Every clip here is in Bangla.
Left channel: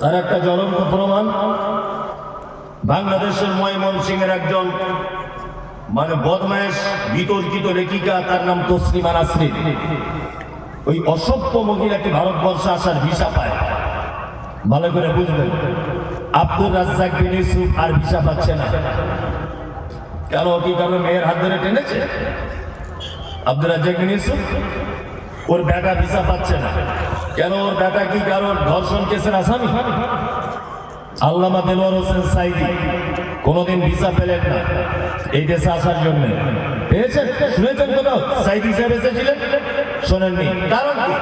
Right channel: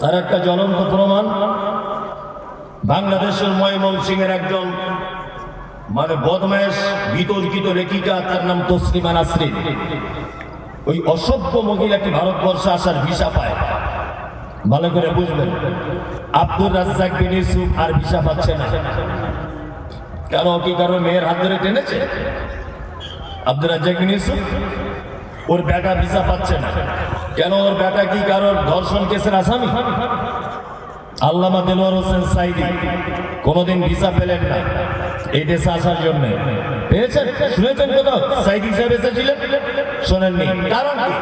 তার একটা জ্বলন্ত প্রমাণ বাংলাদেশের ময়মনসিংহের একজন বদমাইশ বিতর্কিত লেখিকা, তার নাম তসলিমা নাসরিন। ওই অসভ্য মহিলাটি ভারতবর্ষে আসার ভিসা পায়। ভালো করে বুঝবেন, আব্দুর রাজ্জাক বিন ইউসুফ আর ভিসা পাচ্ছে না। কেন? কি কারণ? মেয়ের হাত ধরে টেনেছে। আব্দুর রাজ্জাক বিন ইউসুফ, ওর বেটা ভিসা পাচ্ছে না। কেন? ওর বেটা কি কারণ? ধর্ষণ কেসের আসামি। আল্লামা দেলোয়ার হোসেন সাইদি কোনোদিন ভিসা পেলেন না এই দেশে আসার জন্য। পেয়েছেন? শুনেছেন কোথাও সাইদি সাহেব এসেছিলেন? শোনেননি। কারণ কি?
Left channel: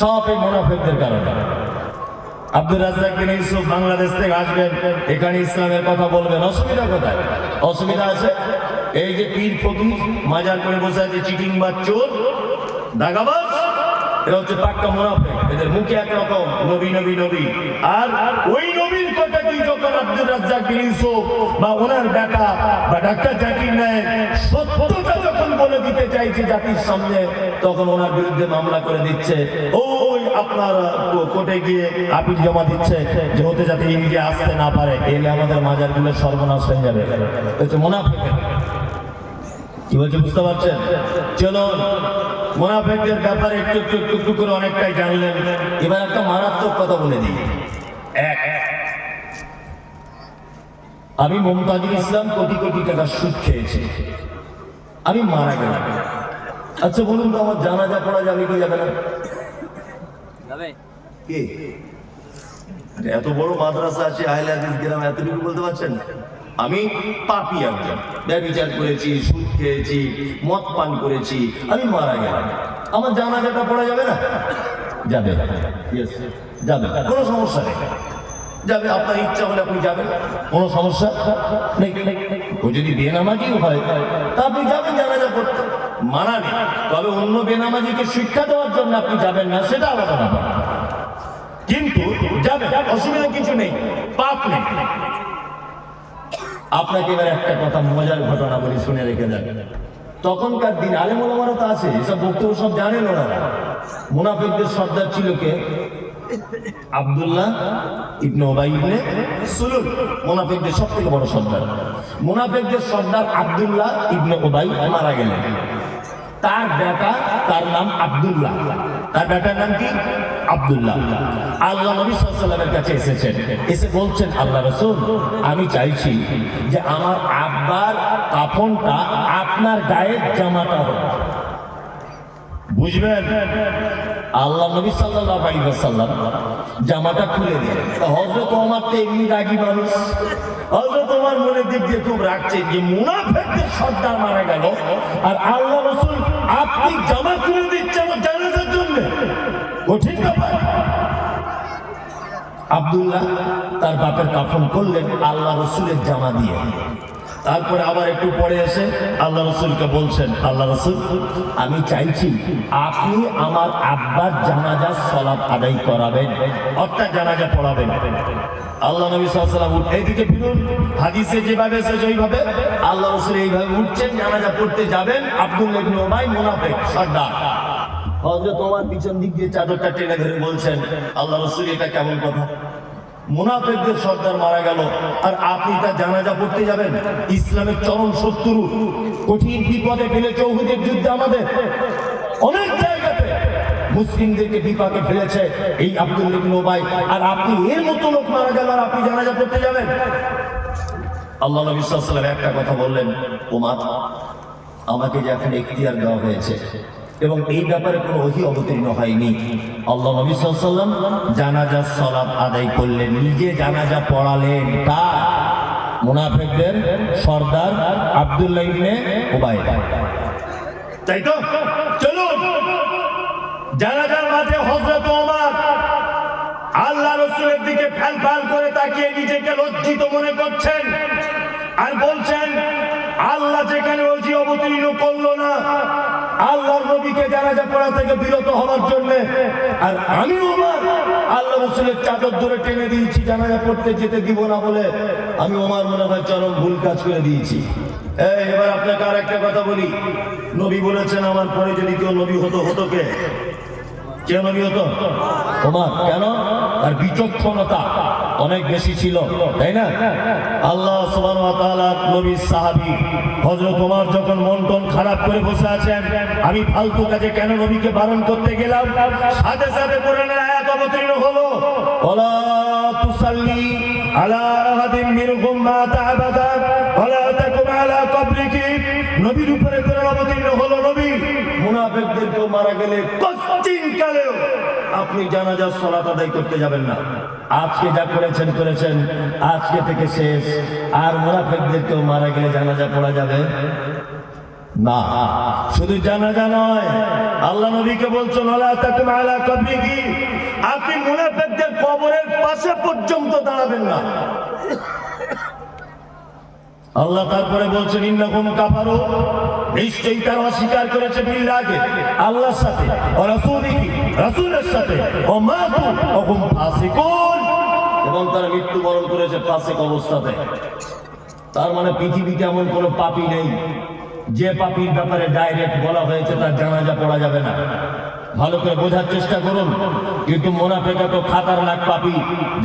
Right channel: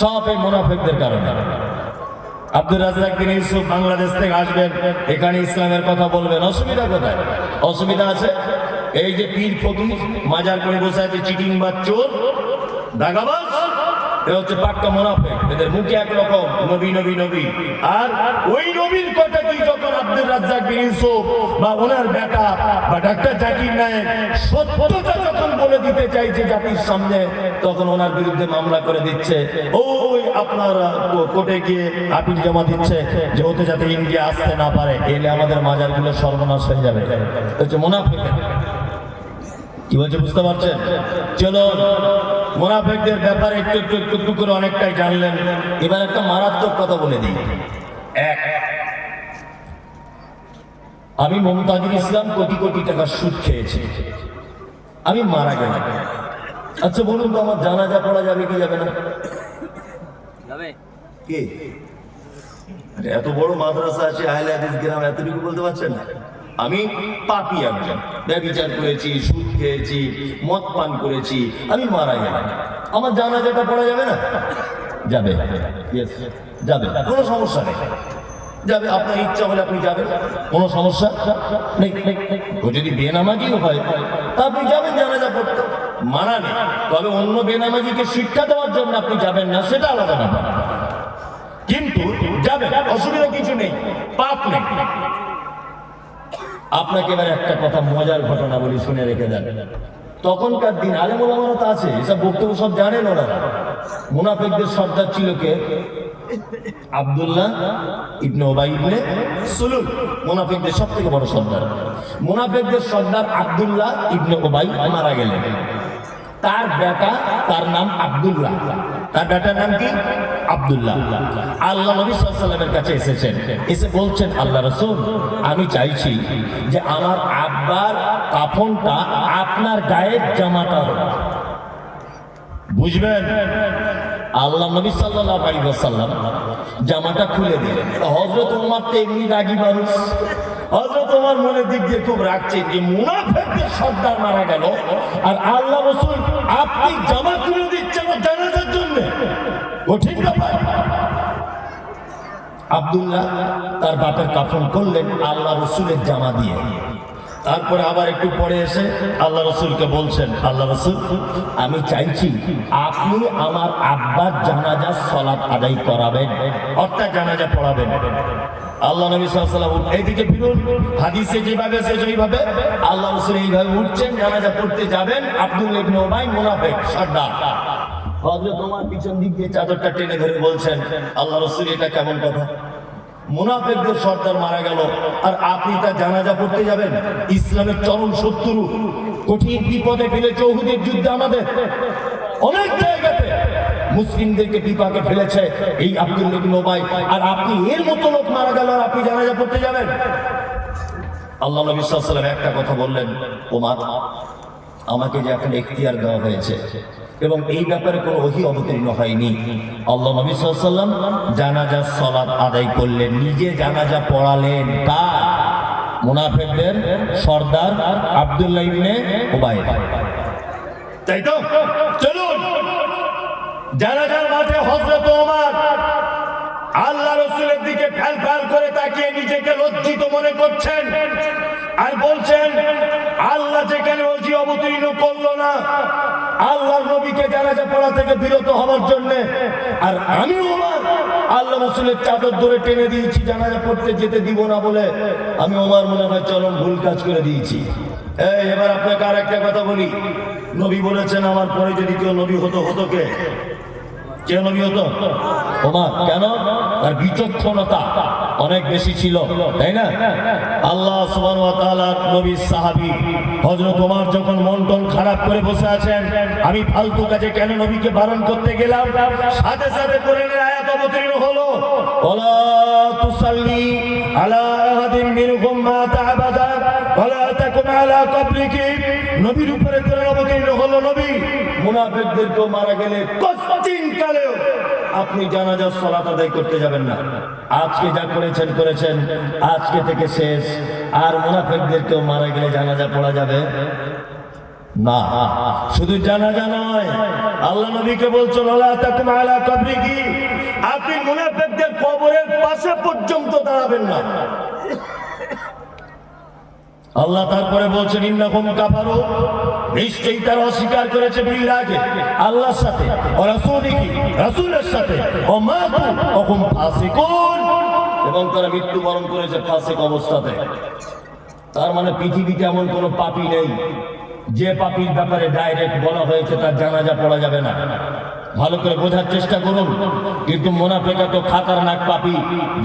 সব এই মুনাফিকদের কারণে। আব্দুর রাজ্জাক বিন ইউসুফ বাংলাদেশ থেকে আসবেন, এখানে ইসলামের কথা বলবেন। অসুবিধা কোথায়? অসুবিধা আছে এই যে পীর ফকির মাজার করে বসে আছে, চিটিং বা চোর দাগাবাজ, এরা হচ্ছে পাক্কা মুনাফিক। এদের মুখে একরকম নবী নবী নবী, আর ওই নবীর কথা কি যখন আব্দুর রাজ্জাক বিন ইউসুফ বা ওনার বেটা বা ডাক্তার জাকির নায়েক সত্যটা যখন বলে দিতে চাইছে জাতির সামনে, তখন ওনার বিরুদ্ধে মামলা করে দিচ্ছে। ওই আপনার কোর্টে গিয়ে আপিল জমা দিচ্ছে যে ওতে যাতে ইন্ডিয়া আসতে না পারে, এলে আমাদের মাজারগুলো সর্বনাশ হয়ে যাবে। হচ্ছে মুনাফিক। কি বলছে বুঝতে পারছেন? চলো মুনাফিকদের ব্যাপারে একটু একটু একটু একটু করে অনেকটাই জানলেন। এবার একটা মারাত্মক কথা বলে দিই। আমি মুমতাজুল ইসলাম কোটি কোটি টাকা সুদ খেয়েছি, আমি মারা গেলাম। আচ্ছা বলুন তো, আমার জানাজা পড়া যাবে কি যাবে না? যাবে। কি এত বড় মাদ্রাসা আছে আহলে হাদিস গ্রাম, এতটুকু বলতে পারছেন না? আমি পাপী একজন, ব্যভিচার করেছি, সুদ খেয়েছি, মদ পান করেছি, আমি মারা গেলাম, আমার জানাজাটা পড়া যাবে না? যাবে। যাবে, কোনো সমস্যা নেই, যাবে। আপনার ইচ্ছা হলে আপনি যাবেন, কোনো সমস্যা নেই। ও যদি বেনামাজিও হয় তা আপনি যাবেন জানাজা পড়তে, মানা নেই। তবে অন্য বেনামাজিকে শিক্ষা দেওয়ার জন্য আপনি যাবেন না, সেটা আলাদা ব্যাপার। কিন্তু যাবেন, অসুবিধা কিছু নেই, পাপ নেই। আপনাকে এবার একটা কথা, মজার ঘটনা বলি, শুনে রেখে যাবেন। তখনকার দিন আলেম ওলামারা তো আছে, এসব বক্তব্য সব জানেন ওনারা। মুনাফিকদের সর্দার ছিল কে? আব্দুল্লাহ ইবনে উবাই ইবনে সুলুল, মুনাফিকদের সবথেকে বড় সর্দার। মুনাফিকদের সর্দার আব্দুল্লাহ ইবনে উবাই মারা গেলেন। তার বেটা, তার নাম আব্দুল্লাহ, তার বেটার নাম কি? আব্দুল্লাহ। আল্লাহ নবী সাল্লাল্লাহু আলাইহি ওয়াসাল্লামের কাছে এসেছেন, এসে বলছেন, আল্লাহ রাসূল, আমি চাইছি যে আমার আব্বার কাফনটা আপনার গায়ের জামাটা হোক। বুঝবেন? আল্লাহ নবী সাল্লাল্লাহু আলাইহি ওয়াসাল্লাম জামাটা খুলে দিলেন। হযরত ওমর তো এমনি রাগী মানুষ, হযরত ওমর মনের দিক দিয়ে খুব রাগছে যে মুনাফিকদের সর্দার মারা গেল, আর আল্লাহ রাসূল আপনি জামা খুলে দিচ্ছেন আমার জানাজার জন্য, কঠিন ব্যাপার। আব্দুল্লাহ তার বাপের কাফন করলেন আল্লাহ রাসূলের জামা দিয়ে। তারপরে আবার একটু পরে এসে আল্লাহ রাসূলকে বলছেন, আল্লাহ রাসূল, আমি চাইছি আপনি আমার আব্বার জানাজার সালাত আদায় করাবেন, অর্থাৎ জানাজা পড়াবেন। আল্লাহ নবী সাল্লাল্লাহু আলাইহি ওয়াসাল্লাম এইদিকে ফিরুন, হাদিসে যেভাবে এসেছে ওইভাবে আল্লাহ রাসূল এইভাবে উঠছেন, জানাজা পড়তে যাবেন। আব্দুল্লাহ ইবনে উবাই মুনাফিক সর্দার, হযরত ওমর পিছন দিক দিয়ে চাদরটা টেনে ধরে বলছেন, আল্লাহ রাসূল, এটা কেমন কথা? মুনাফিকদের সর্দার মারা গেল আর আপনি তার জানাজা পড়তে যাবেন? ইসলামের চরম শত্রু, কঠিন বিপদে ফেলেছে উহুদের যুদ্ধে আমাদের অনেক জায়গাতে মুসলিমদেরকে বিপাকে ফেলেছে এই আব্দুল্লাহ ইবনে উবাই, আর আপনি এর মতো লোক মারা গেল আর আপনি জানাজা পড়তে যাবেন? আল্লাহ নবী সাল্লাল্লাহু আলাইহি ওয়াসাল্লাম একটা কথা বললেন, ওমর, আমাকে যে এখন এখতিয়ার দেওয়া হয়েছে এবং এই ব্যাপারে কোনো ওহী অবতীর্ণ হয়নি, আল্লাহ নবী সাল্লাল্লাহু আলাইহি ওয়াসাল্লাম জানাজার সালাত আদায় করলেন, নিজে জানাজা পড়ালেন। কার? মুনাফিকদের সর্দার আব্দুল্লাহ ইবনে উবাই। তাই তো? চলুন জানাজার মাঠে হযরত ওমর আল্লাহ রাসূলের দিকে ফ্যাল ফ্যাল করে তাকিয়ে নিজেকে লজ্জিত মনে করছেন আর বলছেন, আল্লাহ যেখানে ওহী অবতীর্ণ করলো না আল্লাহর নবীকে জানাজা পড়া থেকে বিরত হওয়ার জন্য, আর আমি ওমর আল্লাহ রাসূলের চাদর ধরে টেনে দিয়েছি জানাজা পড়তে যেতে দিব না বলে, আমি ওমর মনে হয় চরম ভুল কাজ করে দিয়েছি। এবার আপনাকে আর একটা কথা বলি, নবী বলেছেন আমার পরে যদি কেউ নবী হতো, হতো কে? কে নবী হতো? ওমর। কেন? আর বিচক্ষণতা অনেক বেশি ছিল, তাই না? আল্লাহ সুবহানাহু ওয়া তাআলা নবীর সাহাবী হযরত ওমর যখন মন টন খারাপ করে বসে আছেন, আমি ফালতু কাজে কেন নবীকে বারণ করতে গেলাম, সাথে সাথে কোরআনের আয়াত অবতীর্ণ হলো, ওয়ালা তুসাল্লি আলা আহাদিন মিনহুম মাতা আবাদা ওয়ালা তাকুম আলা কবরিহি। নবীর উপরে কোরআন অবতীর্ণ হলো, নবী মুনাফিকদেরকে মারা গেলে কঠিন কালেও আপনি জানাজার সালাত আদায় করতে যাবেন না। আজকে যা করেছেন করেছেন, আজকে থেকে শেষ। আর মুনাফিকদেরকেও মারা গেলে জানাজা পড়া যাবে না। শুধু জানাজা নয়, আল্লাহ নবীকে বলছেন ওয়ালা তাকুম আলা কবরিহি, আপনি মুনাফিকদের কবরের পাশে পর্যন্ত দাঁড়াবেন না। আল্লাহ তারপরে বলছেন ইন্নাকুম কাফারু, নিশ্চয়ই তারা অস্বীকার করেছে বিল্লাহি, আল্লাহর সাথে, ও রাসূলিহি, রাসূলের সাথে, ও মাতু ওয়া হুম ফাসিকুন, এবং তারা মৃত্যুবরণ করেছে ফাসিক অবস্থাতে। তার মানে পৃথিবীতে এমন কোনো পাপী নেই যে পাপীর ব্যাপারে ডাইরেক্ট বলা হয়েছে তার জানাজা পড়া যাবে না। ভালো করে বোঝার চেষ্টা করুন। কিন্তু মুনাফিক তো খাতারনাক পাপী,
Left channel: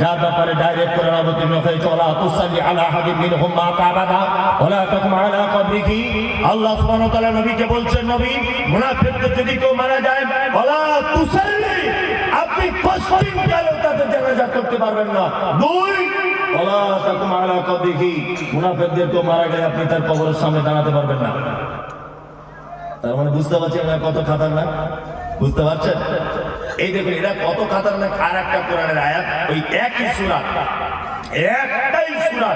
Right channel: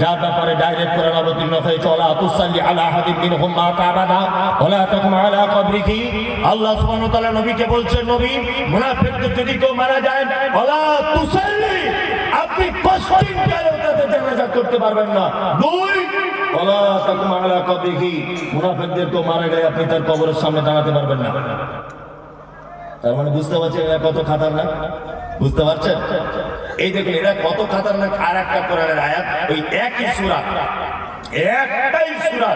যার ব্যাপারে ডাইরেক্ট কোরআন অবতীর্ণ হয়েছে ওয়ালা তুসাল্লি আলা আহাদিন মিনহুম মাতা আবাদা ওয়ালা তাকুম আলা কবরিহি। আল্লাহ সুবহানাহু ওয়া তাআলা নবীকে বলছেন, নবী মুনাফিকদের যদি কেউ মারা যায়, ওয়ালা তুসাল্লি, আপনি কষ্টিন কালেও তাদের জানাজা করতে পারবেন না। দুই, ওয়ালা তাকুম আলা কবরিহি, মুনাফিকদের কেউ মারা গেলে আপনি তার কবরের সামনে দাঁড়াতে পারবেন না। তার মানে বুঝতে পারছেন এরা কত খাতারনাক? বুঝতে পারছেন? এই দেখুন এরা কত খাতারনাক। আর একটা কোরআনের আয়াত, ওই একই সূরা, একটাই সূরা,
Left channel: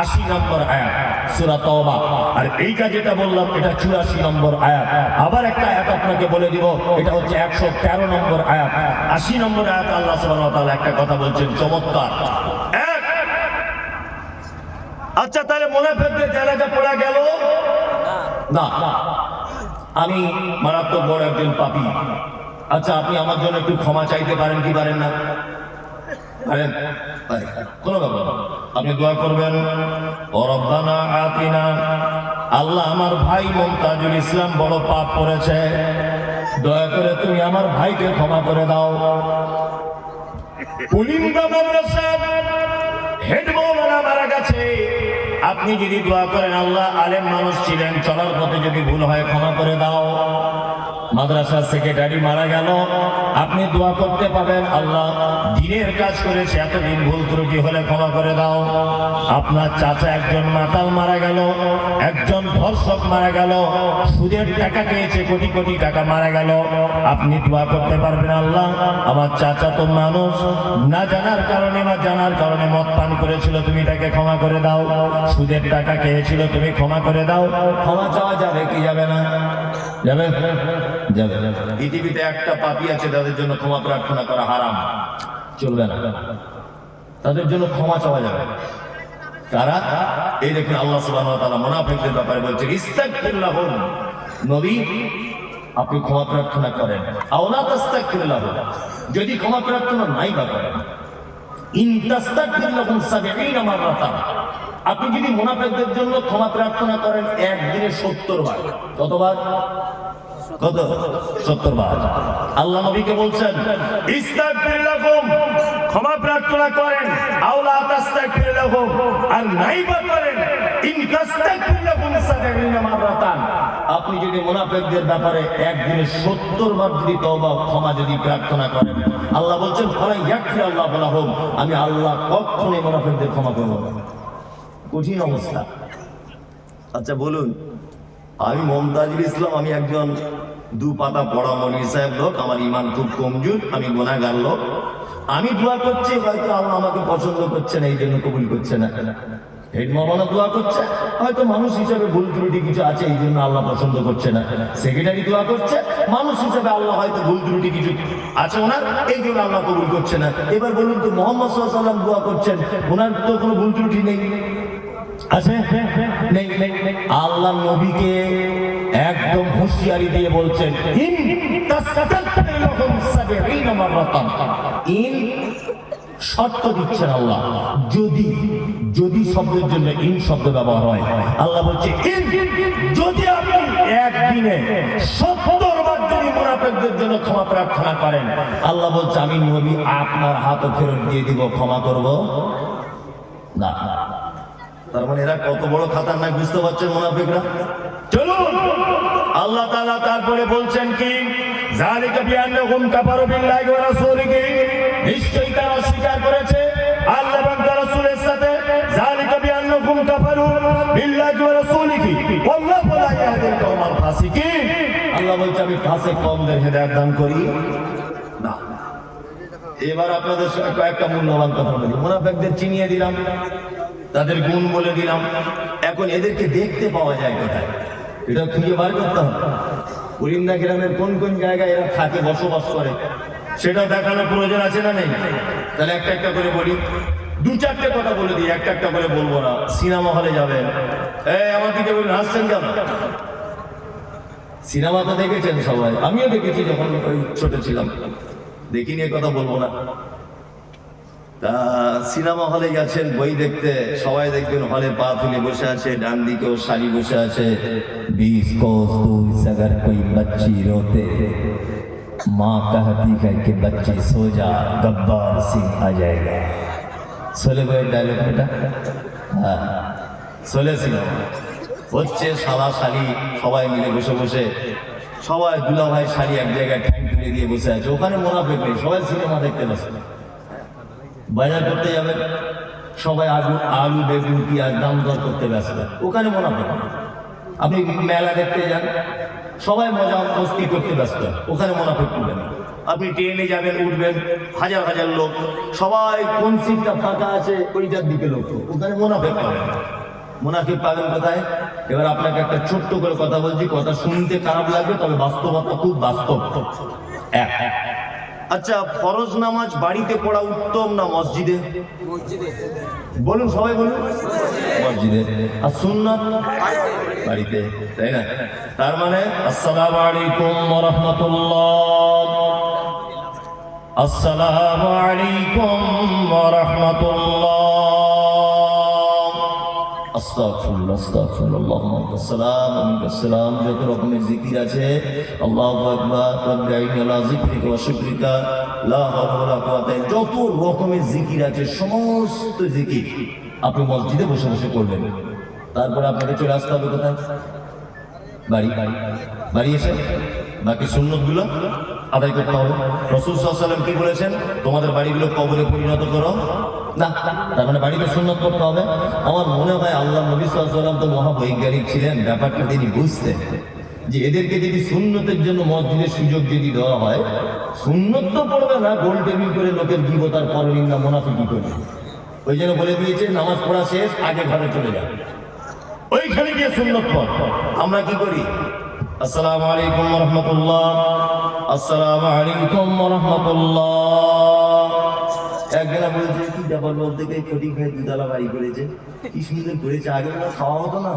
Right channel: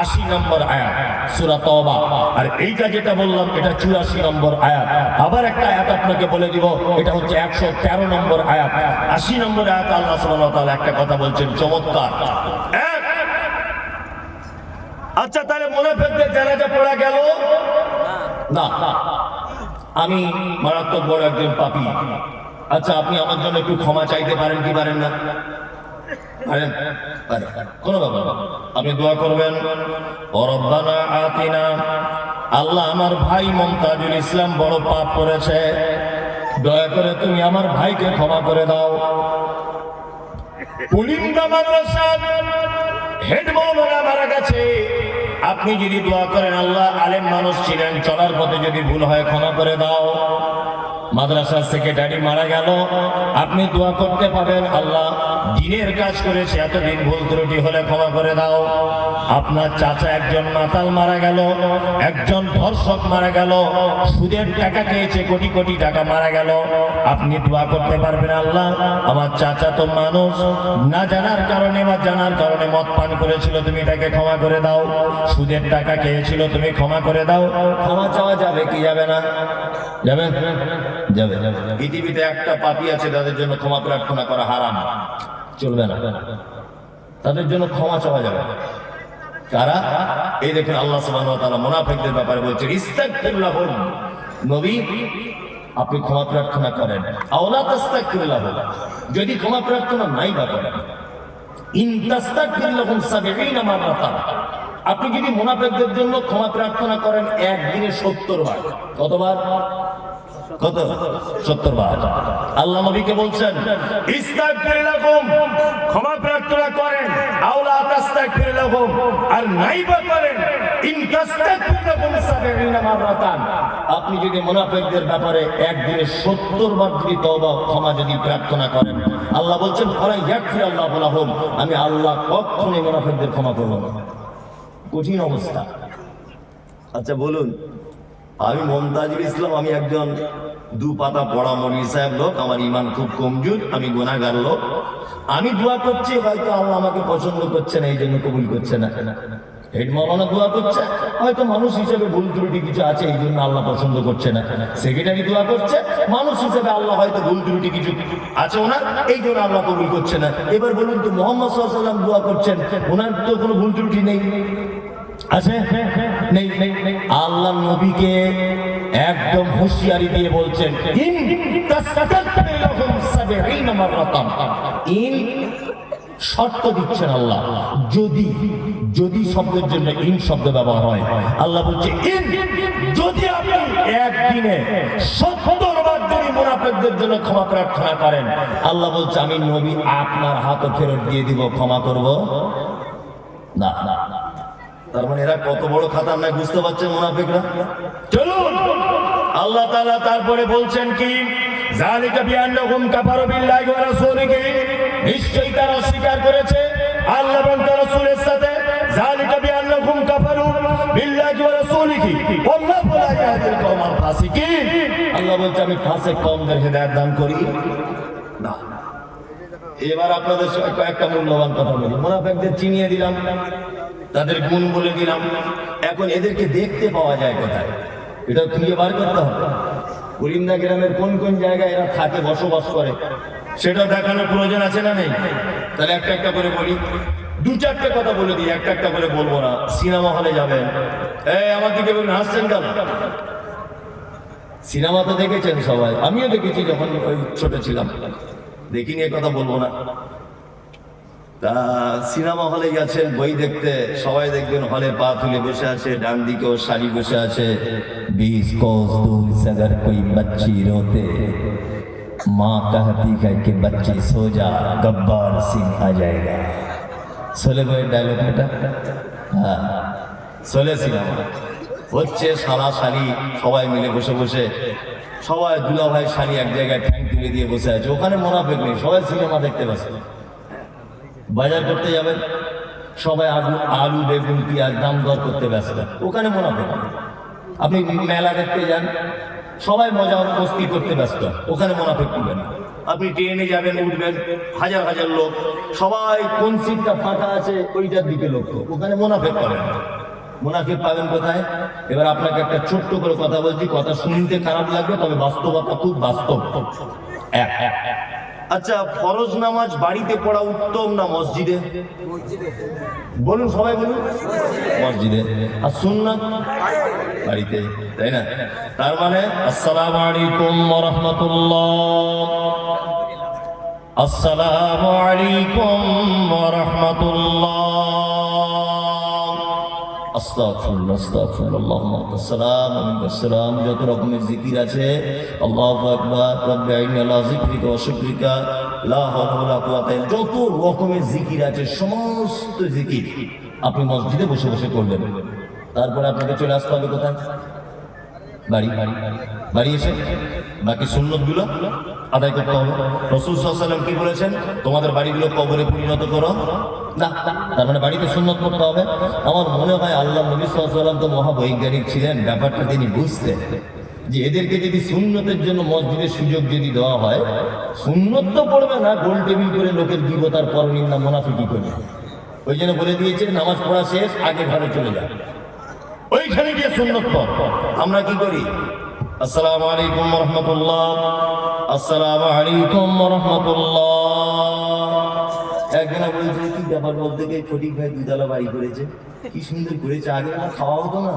80 নম্বর আয়াত, সূরা তাওবা। আর এইটা যেটা বললাম এটা 84 নম্বর আয়াত। আবার একটা আয়াত আপনাকে বলে দিব, এটা হচ্ছে 113 নম্বর আয়াত। 80 নম্বর আয়াত আল্লাহ সুবহানাহু ওয়া তাআলা একটা কথা বলছেন চমৎকার। এক, আচ্ছা তাহলে মুনাফিকদের জানাজা পড়া গেল না। আমি মারাত্মক বড় একজন পাপী, আচ্ছা আপনি আমার জন্য একটু ক্ষমা চাইতে পারেন কি পারেন না? পারেন? পারেন, কোনো ব্যাপার না। আপনি দোয়া করবেন, ও রব্বানা আতিনা, আল্লাহ আমার ভাই মুমতাজুল ইসলাম বড় পাপ করেছে, দয়া করে তুমি আমার ভাইকে ক্ষমা করে দাও। কুলিন্দা মাদ্রাসার হেড মাওলানা মারা গেছে, আপনি যদি দোয়া করেন আল্লাহ আলেম মানুষ ছিলেন, চলার পথে যদি ভুল হয় ক্ষমা করে দাও। মাদ্রাসার সেক্রেটারি মারা গেল, আপনি দোয়া করতে পারেন আল্লাহ দিনের কাজ করেছে, এতদিন ভুল ত্রুটি হলে ক্ষমা করে দাও। আপনার চাচা একজন মাতাল মারা গেল, একজন ধর্ষক মারা গেল, সুদের টাকা খেয়েছে, কোটি কোটি টাকা মারা গেল, আপনি দোয়া করতে পারবেন আল্লাহ আমার চাচা তো মানুষ, না জানার কারণে বা জানার কারণে মদ পান করেছিল, তুমি তাকে ক্ষমা করে দাও। সুদের টাকা খেয়েছিল, তুমি ক্ষমা করে দাও। ক্ষমা চাওয়া যাবে কি যাবে না? যাবে, যাবে। পৃথিবীতে একটা পাপী আছে তাদের জন্য ক্ষমা প্রার্থনা করা হারাম, চলবে না, তাদের জন্য ক্ষমা চাওয়া যাবে। কারা? এই দেখুন আল্লাহ সুবহানাহু ওয়া তাআলা মুনাফিকদের ব্যাপারে বলছেন ইস্তাগফির লাহুম, নবী আপনি ক্ষমা প্রার্থনা করেন। আওলা তাস্তাগফির লাহুম, যদি ক্ষমা প্রার্থনা নাই বা করেন, ইন তাস্তাগফির লাহুম 70 মাররাতান, আপনি যদি মুনাফিকদের জন্য ক্ষমা প্রার্থনা করেন একদিনে 70 বার। কতবার? কত? 70 বার। আল্লাহ নবীকে বলছেন ইস্তাগফির লাহুম, ক্ষমা প্রার্থনা করেন, আওলা তাস্তাগফির লাহুম, আর নাইবা করেন ইন তাস্তাগফির লাহুম 70 মাররাতান, আপনি যদি মুনাফিকদের ব্যাপারে একদিনে 70 বার যদি তওবা ক্ষমা যদি প্রার্থনা করেন, আল্লাহ বলছেন ফালা ইয়াগফির আল্লাহু লাহুম, আমি আল্লাহ কখনোই মুনাফিকদের ক্ষমা করব না। কঠিন অবস্থা। আচ্ছা বলুন, আমি মুমতাজুল ইসলাম, আমি একজন দু পাতা পড়া মৌলভী সাহেব লোক, আমার ঈমান খুব কমজোর, আমি গুনাহগার লোক, আমি দোয়া করছি, হয়তো আল্লাহ আমাকে পছন্দ করছে না, এই জন্য কবুল করছে না। হেড মাওলানা দোয়া করছে, হয়তো মানুষ হিসেবে ভুল ত্রুটি কিছু আছে, এই জন্য আল্লাহ পছন্দ করছে না। সেক্রেটারি দোয়া করছে, মানুষ হিসেবে আল্লাহ হয়তো ভুল ত্রুটি কিছু আছে ওনার, এই জন্য আল্লাহ কবুল করছে না। এবার বলুন তো মুহাম্মদ সাল্লাল্লাহু আলাইহি ওয়াসাল্লাম দোয়া করছেন, ওনার তো কোনো ভুল ত্রুটি নেই, আছে? নেই। আল্লাহ নবীকে একদম হুঁশিয়ারি দিয়ে বলছেন ইন তাস্তাগফির লাহুম 70 মাররাতান, ইন শর্ত দিচ্ছেন আল্লাহ, যদি শব্দের জন্য ইন শব্দ ব্যবহার হয়, আল্লাহ বলছে ইন, যদি আপনি একদিনে 70 বার যদি মুনাফিকদের জন্য ক্ষমা প্রার্থনা করেন। আল্লাহ বলছে আমি নবী আপনার হাতও ফেরত দিয়ে দিব, ক্ষমা করব না। তার মানে এরা কত বড় খাতারনাক বুঝতে পারছেন মুনাফিকরা। চলুন আল্লাহ তাআলা তারপরে বলছেন কি, যালিকা বিআন্নাহুম কাফারু বিল্লাহি ওয়া রাসূলিহি, নিশ্চয়ই তারা অস্বীকার করেছে আল্লাহ এবং তার রাসূলের সাথে। যালিকা বিআন্নাহুম কাফারু বিল্লাহি ওয়া রাসূলিহি ওয়াল্লাহু লা ইয়াহদিল কওমাল ফাসিকিন। আল্লাহ বলছে আমি ফাসিক কওমদের হেদায়েত দান করি না। এবার আপনাদের সঙ্গে কয়েকটা মূল্যবান কথা বলি। মুনাফিকদের চিনিয়ে দিলাম, তাদের গুণ বলে দিলাম, এখন এদেরকে দেখতে পাওয়া যায় কোথায়, এটা খুঁজে বার করতে হবে। কুলিন্দা গ্রামের কোন কোন জায়গায় এরা থাকে, বসবাস করে, সেটা দেখানোর প্রয়োজন আছে না নেই? তাহলে একটা একটা করে বলি, দু চারটে কথা বলে দিই, একটা একটা করে বলবো না। সিনেমা হলে যাবেন, আমার দিকে বলবেন হাসছেন কেন? সিনেমা তো দেখেছেন সবাই, আমিও দেখেছি যখন ওই ছোট ছিলাম, দেখিনি এ কথা বলবো না। তা সিনেমা হলে গেছেন বই দেখতে, সবাই দেখবেন হলে পা তুলে বসে আছে, ডান দিকেও শাড়ি বসে আছে। 20 कोस दूर से अगर कोई बच्ची रोते, माँ कहती है कि बच्ची सो जा, गब्बार सिंह आ जाएगा। सोले भाई डायलॉग এটা, হ্যাঁ সোলে সিনেমা হচ্ছে, শালা শালি সবাই মিলে বসে বসে, সবাই দুলা ভাই শালি এক জায়গায় ঠ্যাং তুলে দিয়ে বসে আছে, ওখানে মুনাফিক নেই, সবাই সিনেমা দেখতে ব্যস্ত। বাজার করতে যাবেন, সবাই আলু বেগুন পেঁয়াজ দাম দর করতে ব্যস্ত, ওখানে মুনাফিক। আপনি মেলা দেখতে যান, সবাই মজা মস্তি করতে ব্যস্ত, ওখানে মুনাফিক করবেন। আপনি ট্রেনে যাবেন, উঠবেন, হাজার হাজার লোক, সবাই কোন সিটটা ফাঁকা আছে ওইটার দিকে লক্ষ্য, ওখানে মুনাফিক করেন। মুনাফিক পাবেন কোথায়? এবার আপনাকে একটা ছোট্ট করে কথা বলছি, কথা শুনতে খারাপ লাগবে, তবে বাস্তবতা খুব বাস্তব। আচ্ছা, ফরজ নামাজ বাড়িতে পড়া উত্তম না মসজিদে? বলুন, সবাই বলুন। মসজিদে। আর সুন্নাত বাড়িতে, তাই না? তার মানে আসসালামু আলাইকুম ওয়া রাহমাতুল্লাহ, আসসালামু আলাইকুম ওয়া রাহমাতুল্লাহ, আস্তাগফিরুল্লাহ, আস্তাগফিরুল্লাহ, আল্লাহুম্মা আসসালাম ওয়া আসসালাম। যত রকমের জিকির আছে, আল্লাহু আকবার, রাব্বিনা আলা যিকরিকা ওয়া শুকরিকা, লা হাওলা ওয়ালা কুওয়াতা, যত রকমের জিকির আছে সমস্ত জিকির আপনি মসজিদে বসে বসে করবেন। তারপরে আপনাকে চলে আসতে হবে কোথায়? বাড়ি। বাড়ি এসে বাকি সুন্নতগুলো আদায় করতে হবে। রাসূল সাল্লাল্লাহু আলাইহি ওয়াসাল্লাম কি বলেছেন? তোমাদের বাড়িগুলো কবরে পরিণত করো না। তার মানে বাড়িতে সুন্নত করতে হবে। আমার মনে হয় আল্লাহ নবী সাল্লাল্লাহু আলাইহি ওয়াসাল্লাম তো মহাবৈজ্ঞানিক ছিলেন, ব্যাপারটা তিনি বুঝতেন যে এদেরকে যদি সুন্নতের জন্য মসজিদের সুযোগ যদি দেওয়া হয়, সুন্নত তো পড়বে না, গোল টেবিল করে লোকের গীবত আর পরনিন্দা মুনাফিকি করবে। ওই জন্য বলে দিয়েছে নামাজ পড়া শেষ, আগে ঘরে চলে যাও, ওইখানে গিয়ে সুন্নত পড়। আমরা কি করি? আসসালামু আলাইকুম ওয়া রাহমাতুল্লাহ, আসসালামু আলাইকুম ওয়া রাহমাতুল্লাহ। একজনা বলেছে কি ব্যাপার, বলতে গিয়ে ফটিক ভাই দুতলা বাড়ি করেছে, কি সুন্দর করেছে, আগে না খাওয়া হতো না,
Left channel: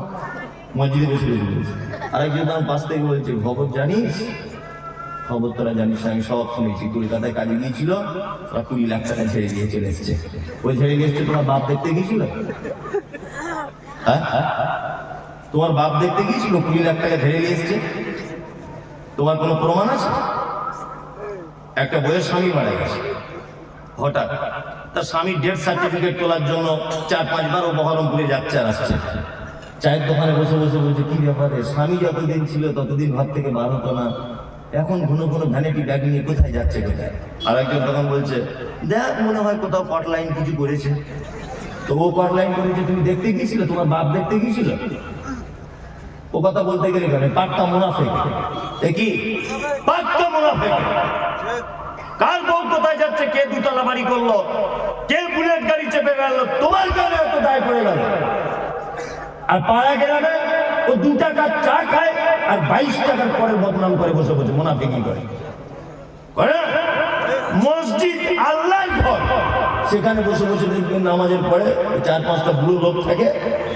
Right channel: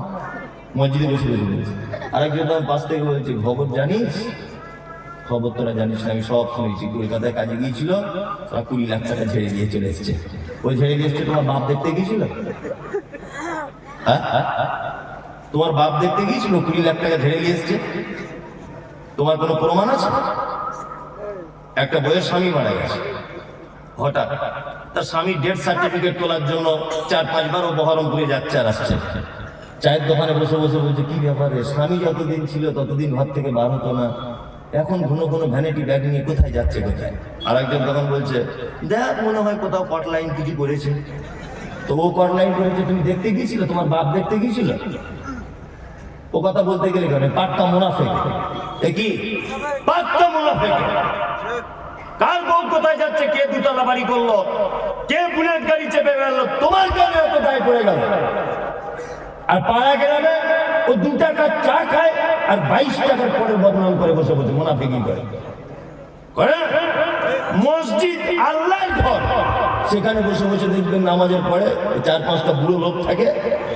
মসজিদে বসে বসে। আরেকজন আমার পাশ থেকে বলছে খবর জানিস? খবর তোরা জানিস না, আমি সব শুনেছি। কলকাতায় কাজে গিয়েছিল, 20 লাখ টাকা ছেড়ে দিয়ে চলে এসছে। ওই ছেড়ে দিয়ে এসছে তোমার বাপ দেখতে গিয়েছিল? হ্যাঁ, তোমার বাপ দেখতে গিয়েছিল, 20 লাখ টাকা ছেড়ে দিয়ে এসছে? তোমার কোনো প্রমাণ আছে? একটা বইয়ের স্বামী মারা গেছে, হঠাৎ তার স্বামীর ডেথ সার্টিফিকেট তোলার জন্য 4-5 বার ও বহরমপুরে যাচ্ছে আর আসছে। চায়ের দোকানে বসে বসে বলছে কি ব্যাপারে, স্বামী যতদিন ছিল ততদিন ঘর থেকে বার হতো না, এখন ঘন ঘন ভ্যানিটি ব্যাগ নিয়ে কোথায় যাচ্ছে কোথায়। আর একজন তখন বলছে দেখ মনে হয় কোথাও কট লাইন কিছু করেছে। তো ও কট লাইন করেছে, তুমি দেখতে গিয়েছিল? তোমার বাপ দেখতে গিয়েছিল? ও কথা বলতে গেলে কেন, পাক্কা মুনাফিক। কি পাক্কা মুনাফিক? কার বউ কোথায় যাচ্ছে, কে দুতলা বাড়ি করলো, কে বুলেট গাড়ি চেপে গেল, তোমার কেন এত দায় পড়ে গেল? আর পাড়া গ্রামে ও 2 টাকার চা খায় আর 22 টাকার পরে বদনাম করে বসে বসে মুনাফিকি করে। মসজিদ আল্লাহর ঘর, সেখানে বসে বসে দেখবেন নামাজের পরে 4-5টা বুড়ো লোক থাকে,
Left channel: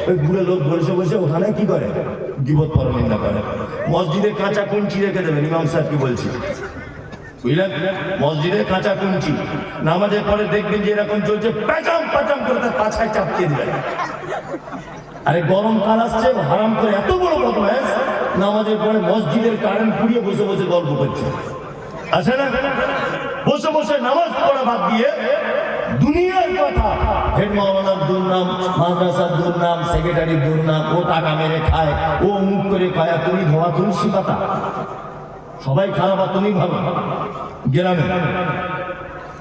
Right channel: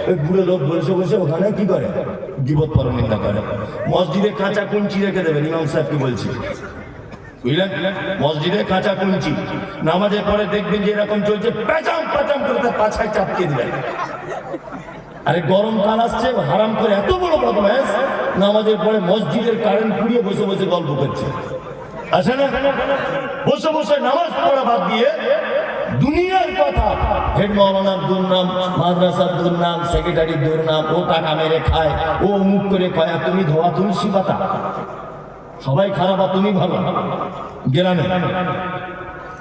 ওই বুড়ো লোক বসে বসে ওখানে কি করে, গীবত পরনিন্দা করে। মসজিদে কাঁচা কুঞ্চি রেখে দেবেন, ইমাম সাহেব কি বলছি, বুঝলেন? মসজিদে কাঁচা কুঞ্চি, নামাজের পরে দেখবেন যে এরকম চলছে, প্যাচাম প্যাচাম করে তার পাছায় চাপকিয়ে দিবেন। আরে গরম কান আসছে, হারাম করে এত বড় বদমাশ নামাজের পরে মসজিদের কারেন্ট পুড়িয়ে বসে বসে গল্প করছে। আছে না? বসে বসে নামাজ পড়া বাদ দিয়ে দুনিয়ার কথা, হেড মাওলানার দুর্নাম, মাদ্রাসার দুর্নাম, সেক্রেটারির দুর্নাম, ও টাকা মেরে খায়, ও মুখ করে খায়, আর তুমি ধোয়া তুলসী পাতা। সবাই খারাপ আর তুমি ভালো গ্রামে।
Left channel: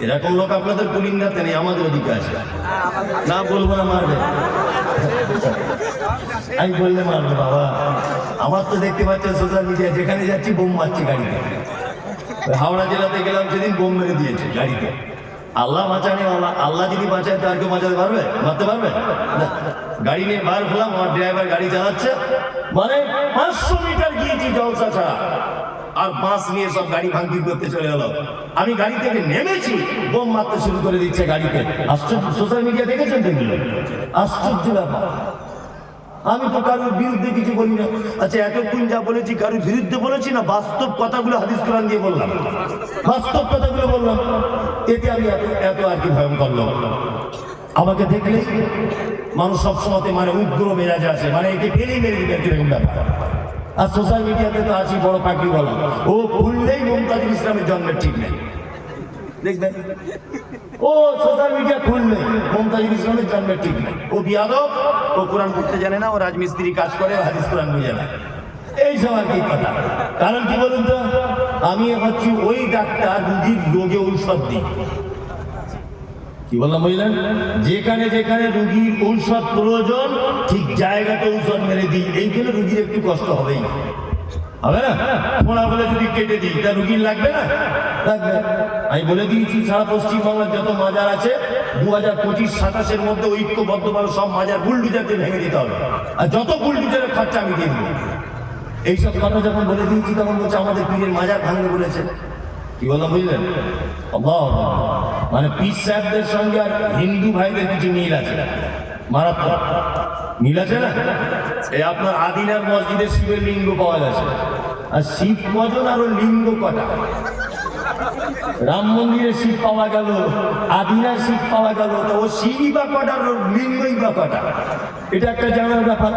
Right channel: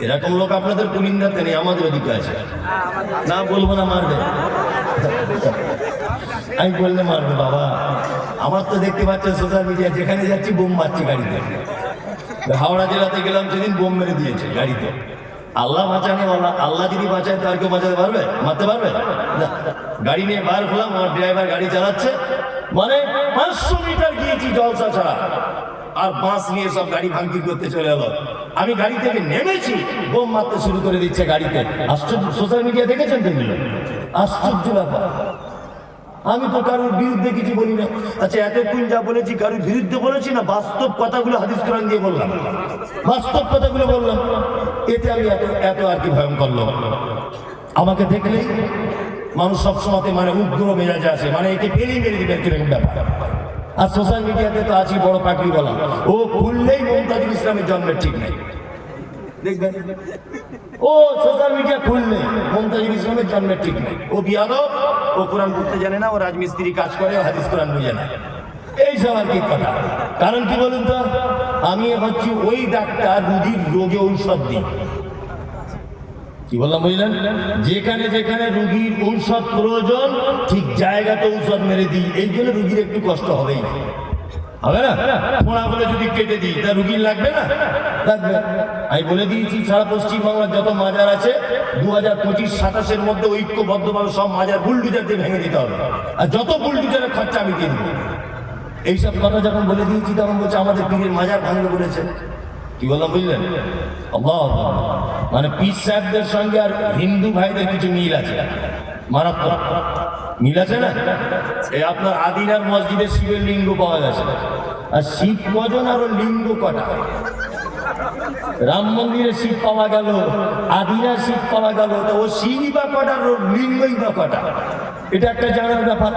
এরকম লোক আপনাদের পুলিন্দাতে নেই, আমাদের ওদিকে আছে। না বলবো না, মারবে। আমি বললে মারবে বাবা। আমার তো দেখতে পাচ্ছেন সোশ্যাল মিডিয়া, যেখানে যাচ্ছি বোম মারছি গাড়িতে। হাওড়া জেলাতে গেলাম সেদিন, বোম মেরে দিয়েছে গাড়িতে। আল্লাহ বাঁচানে, আল্লাহ যদি বাঁচায় তার কেউ বাঁচাতে পারবে? মারতে পারবে না। গাড়ি নিয়ে বার হলাম, আমার ড্রাইভার গাড়ি চালাচ্ছে, মানে 500 মিটার গিয়েছি জলসা ছাড়া, আর বাঁশ নিয়ে সব গাড়ি ভাঙচুর করতে চলে গেল। আমি গাড়ি থেকে নেমেছি, বোম মারতে শুরু করে দিচ্ছে গাড়িতে। আশ্চর্য, সোশ্যাল মিডিয়া দেখেছেন তো? আশ্চর্য ব্যাপার। আমি তো কারোর বিরুদ্ধে কিছু বলি না। আচ্ছা, এতক্ষণ যা বলেছি কারোর বিরুদ্ধে বলেছি না? বাস্তব কথাগুলো হাদিস কোরআন দিয়ে বললাম, বাস্তব কথাগুলো বললাম। এতে আমি এত আর কি ভয়ঙ্কর লোক? আমাকে দেখলেই মানুষ সবসময় মানে উগ্র মেজাজে আছে, মানে একে ফেলেই মেরে দিবে এরকম ব্যাপার। আর সোশ্যাল মিডিয়াতে তো আছি বড় পাখি বলা, ও খুললেই মমতাজুল ইসলামের জন্মের ঠিক নেই। দেখবেন ও সোশ্যাল মিডিয়া খুললে মমতাজুল ইসলামের জন্মের ঠিক নেই। ও বিয়াদব, ও কোরআন পড়তে জানে না, ও রাজমিস্ত্রি কাজ করে, ও হাদিস কোরআন বুঝে না। এইসব আর কি কথা। কারণ কি বলুন তো, আমি হচ্ছি ওই ডাক্তার, রুগীর রোগে ঔষধ দিই। কি বললাম বুঝলেন? যেখানে যেখানে রুগীর ঔষধ প্রয়োজন, ঠিক জায়গাতে ঔষধ মেরে দিই। এই জন্য রুগীর একটু কষ্ট হবেই, হবে না? ফোনাগুলো যদি কেটে দিই, তা রুগীর লাগবে না? লাগবে। আমি বলে দিয়েছি, সারা পশ্চিমবাংলার যত মাজার আছে 2025-27 মধ্যে ঐক্যবদ্ধভাবে সব মাজার বুলডুজার দিয়ে ভেঙে দিতে হবে, আর যত বুলডুজারের খরচা আমি দিয়ে দেবো। এইসব কথা যখন বলে দিয়েছি, তখন বলছে আমাদের পীরের মাজার ভাঙবে বলেছে। কি বললাম বুঝলেন? মানে পীর সাহেবদের সঙ্গে আর হিন্দু ভাইদের কিছু মিল আছে, মারাত্মক মিল আছে না? এই আপনার আদিনার মসজিদে শিবের লিঙ্গ পাওয়া গেছে, আর শিব কজন আর ওর লিঙ্গ কটা? রাম মন্দিরে শিব পাওয়া গেল, আদিনার শিব পাওয়া গেল, তো ও শিবই বা কটা, ওর লিঙ্গই বা কটা? এটা একটা জানার ব্যাপার।